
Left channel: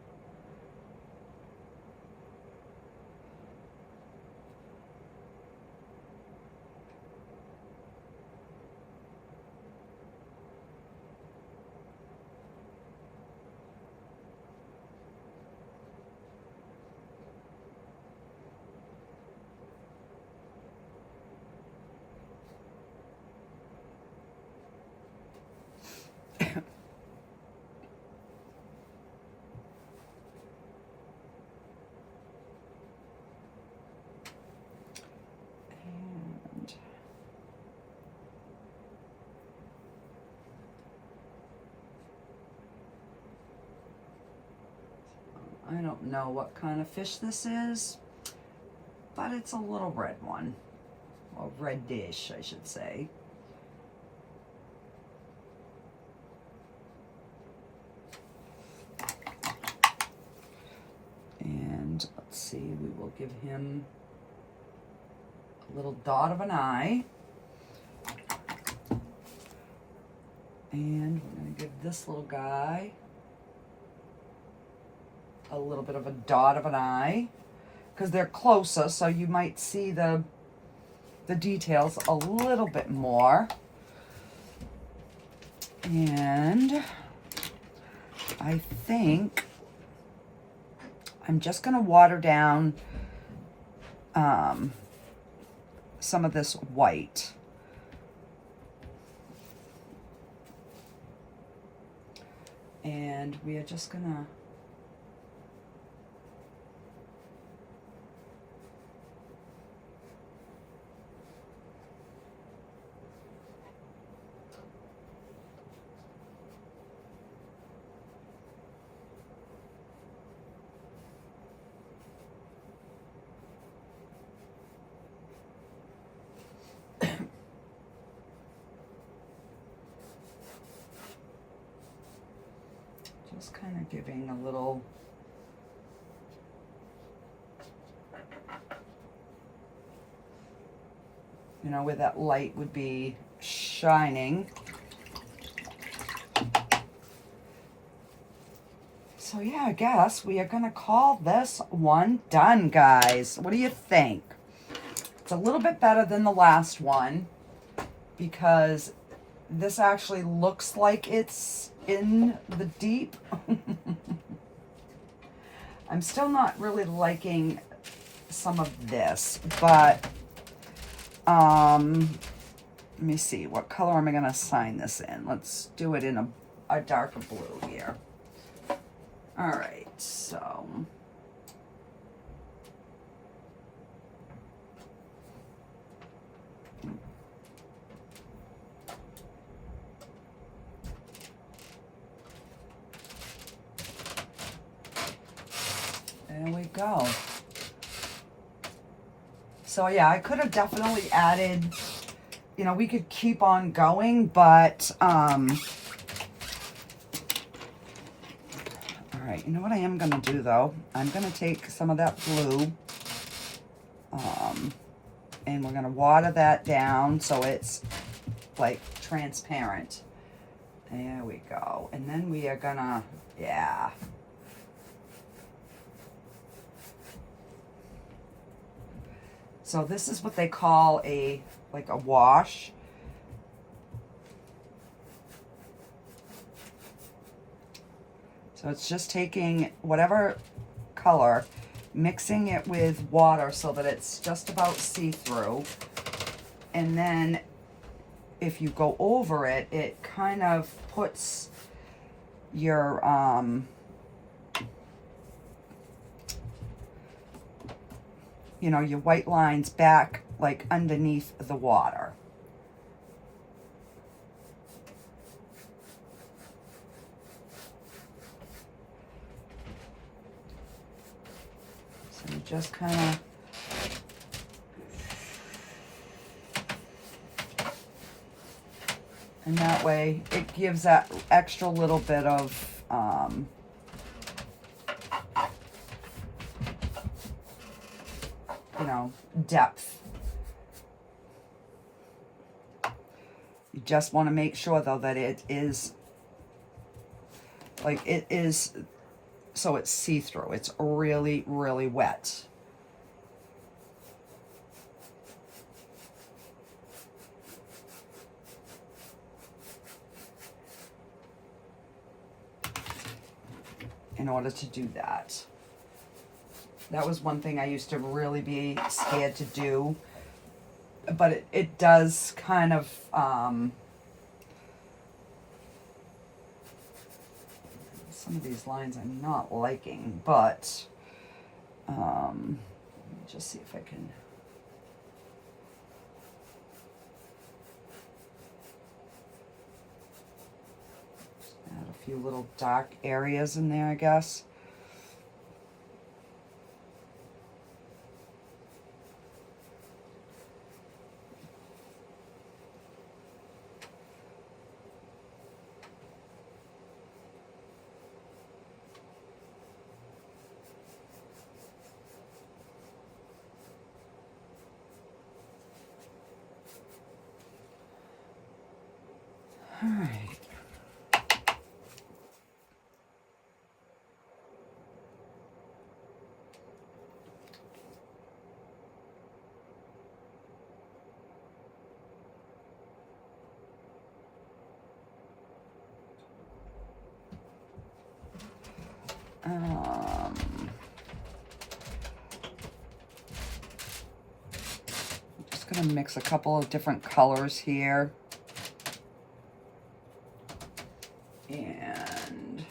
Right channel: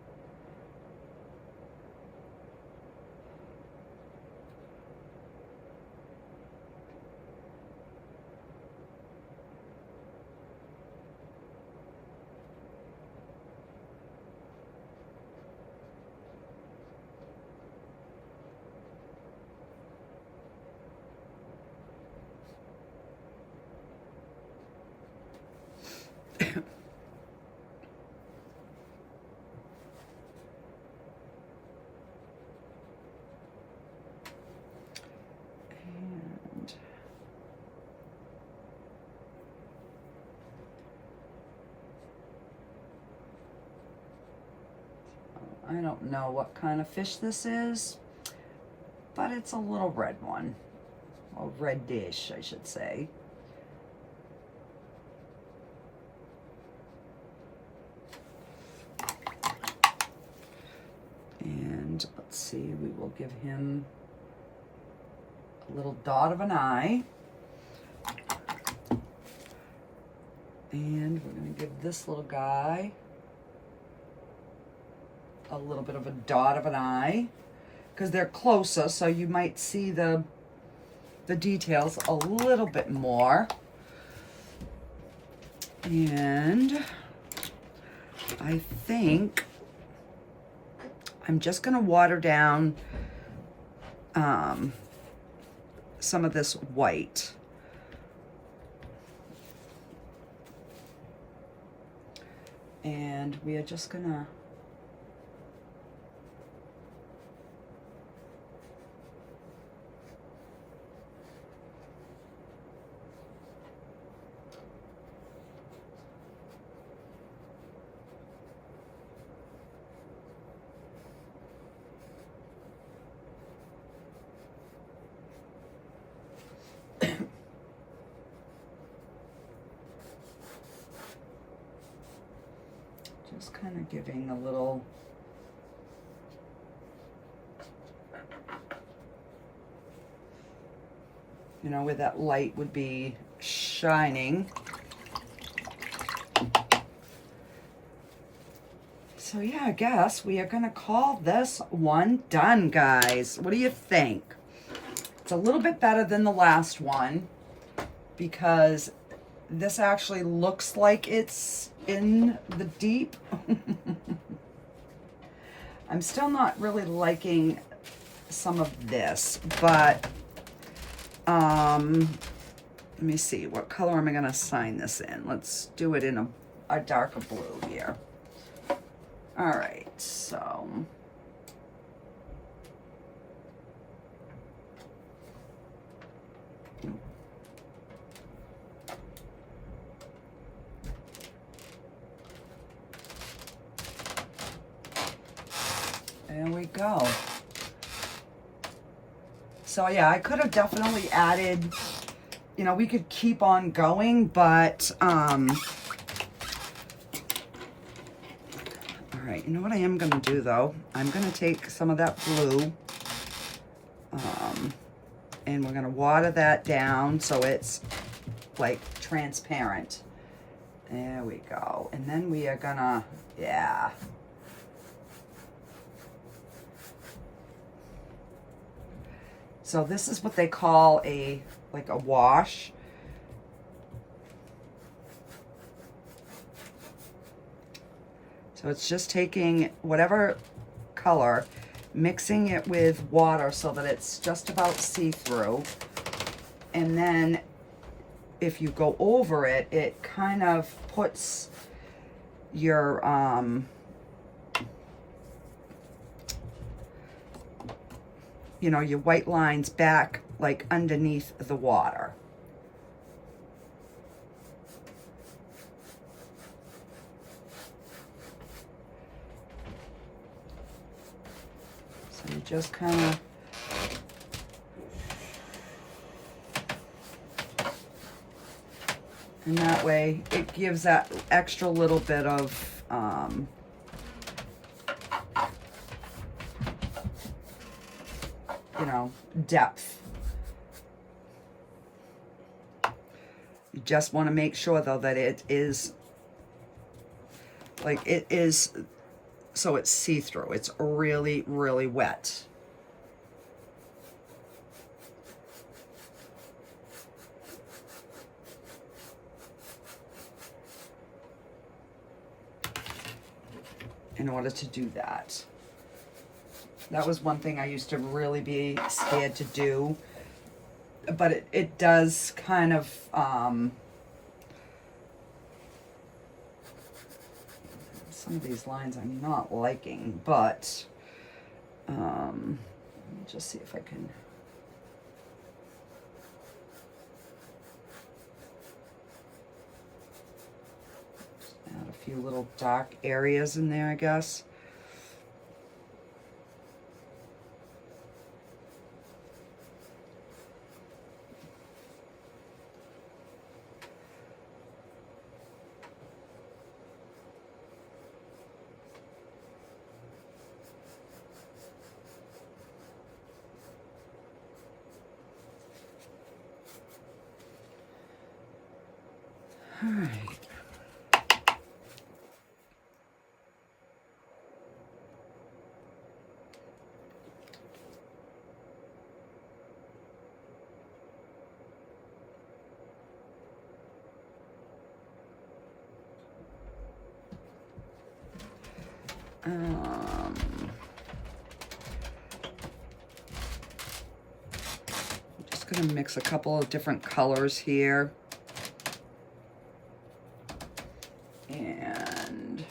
I don't know what kind of fish this is, but it's a little red one, or reddish, I should say. And let's see, we will give him a little dot of an eye. And we're going to give this little guy a little bit of a dot of an eye, because they're closer, so you might see the details a little bit more. And I think I'm just going to water down some of this white. And we are just going to kind of giving a little, you know, where that light would be shining. So yeah, I guess we are gonna call this one done, guys. What do you think? It's a little bit better than the last one, because this actually looks like it's in the deep. I'm still not really liking some of this, but let me see, what color am I going to sign this in? Let's do it in a darker blue here. All right, so there we go. So yeah, I could have definitely added, you know, we could keep on going, but all right, you know what I am gonna do though? I'm gonna take some of that blue, and we're gonna water that down so it's like transparent. There we go. And then we are gonna, yeah. So this is what they call like a wash. So it's just taking whatever color, mixing it with water so that it's just about see-through. And then if you go over it, it kind of puts your, you know, your white lines back like underneath the water. So you just kind of and that way it gives that extra little bit of you know, depth. You just want to make sure though that it is like it is, so it's see-through. It's really, really wet. In order to do that. That was one thing I used to really be scared to do, but it does kind of, some of these lines I'm not liking, but, let me just see if I can. Add a few little dark areas in there, I guess. All right. I'm just going to mix a couple of different colors here. And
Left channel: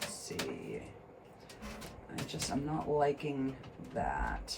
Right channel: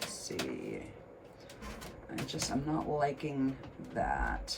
let's see. I'm not liking that.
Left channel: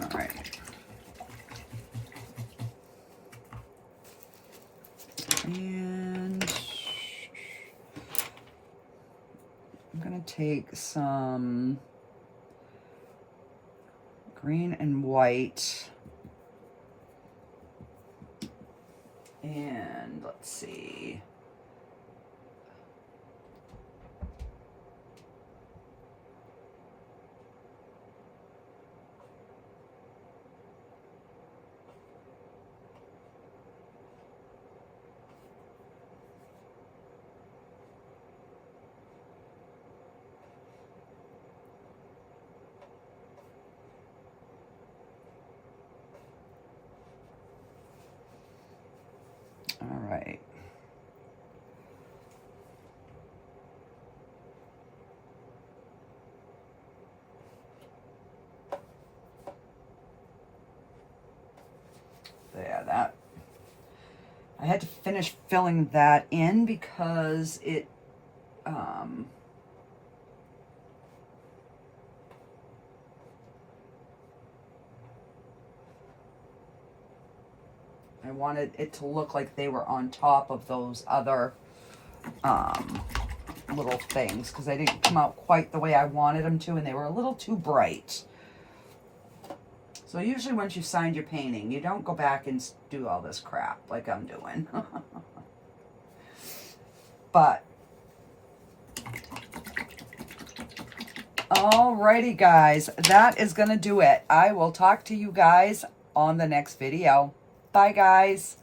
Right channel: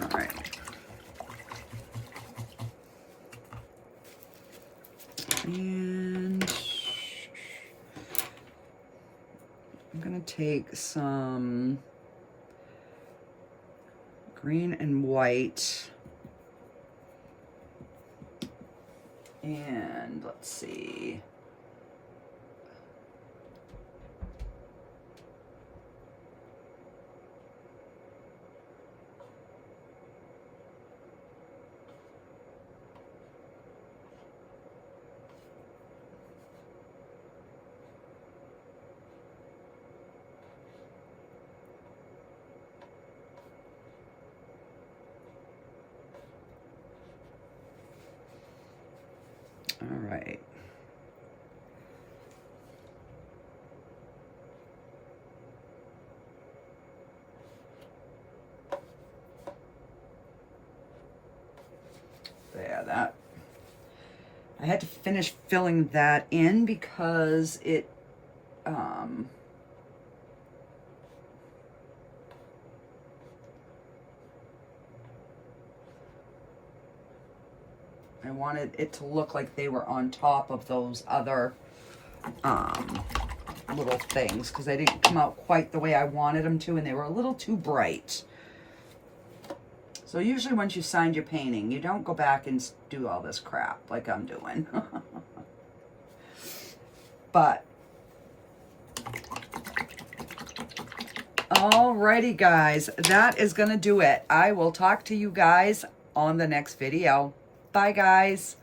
All right. And I'm going to take some green and white. And let's see. All right. There, that. I had to finish filling that in because it, I wanted it to look like they were on top of those other little things because they didn't come out quite the way I wanted them to, and they were a little too bright. So usually once you signed your painting, you don't go back and do all this crap like I'm doing. But, alrighty guys, that is going to do it. I will talk to you guys on the next video. Bye guys.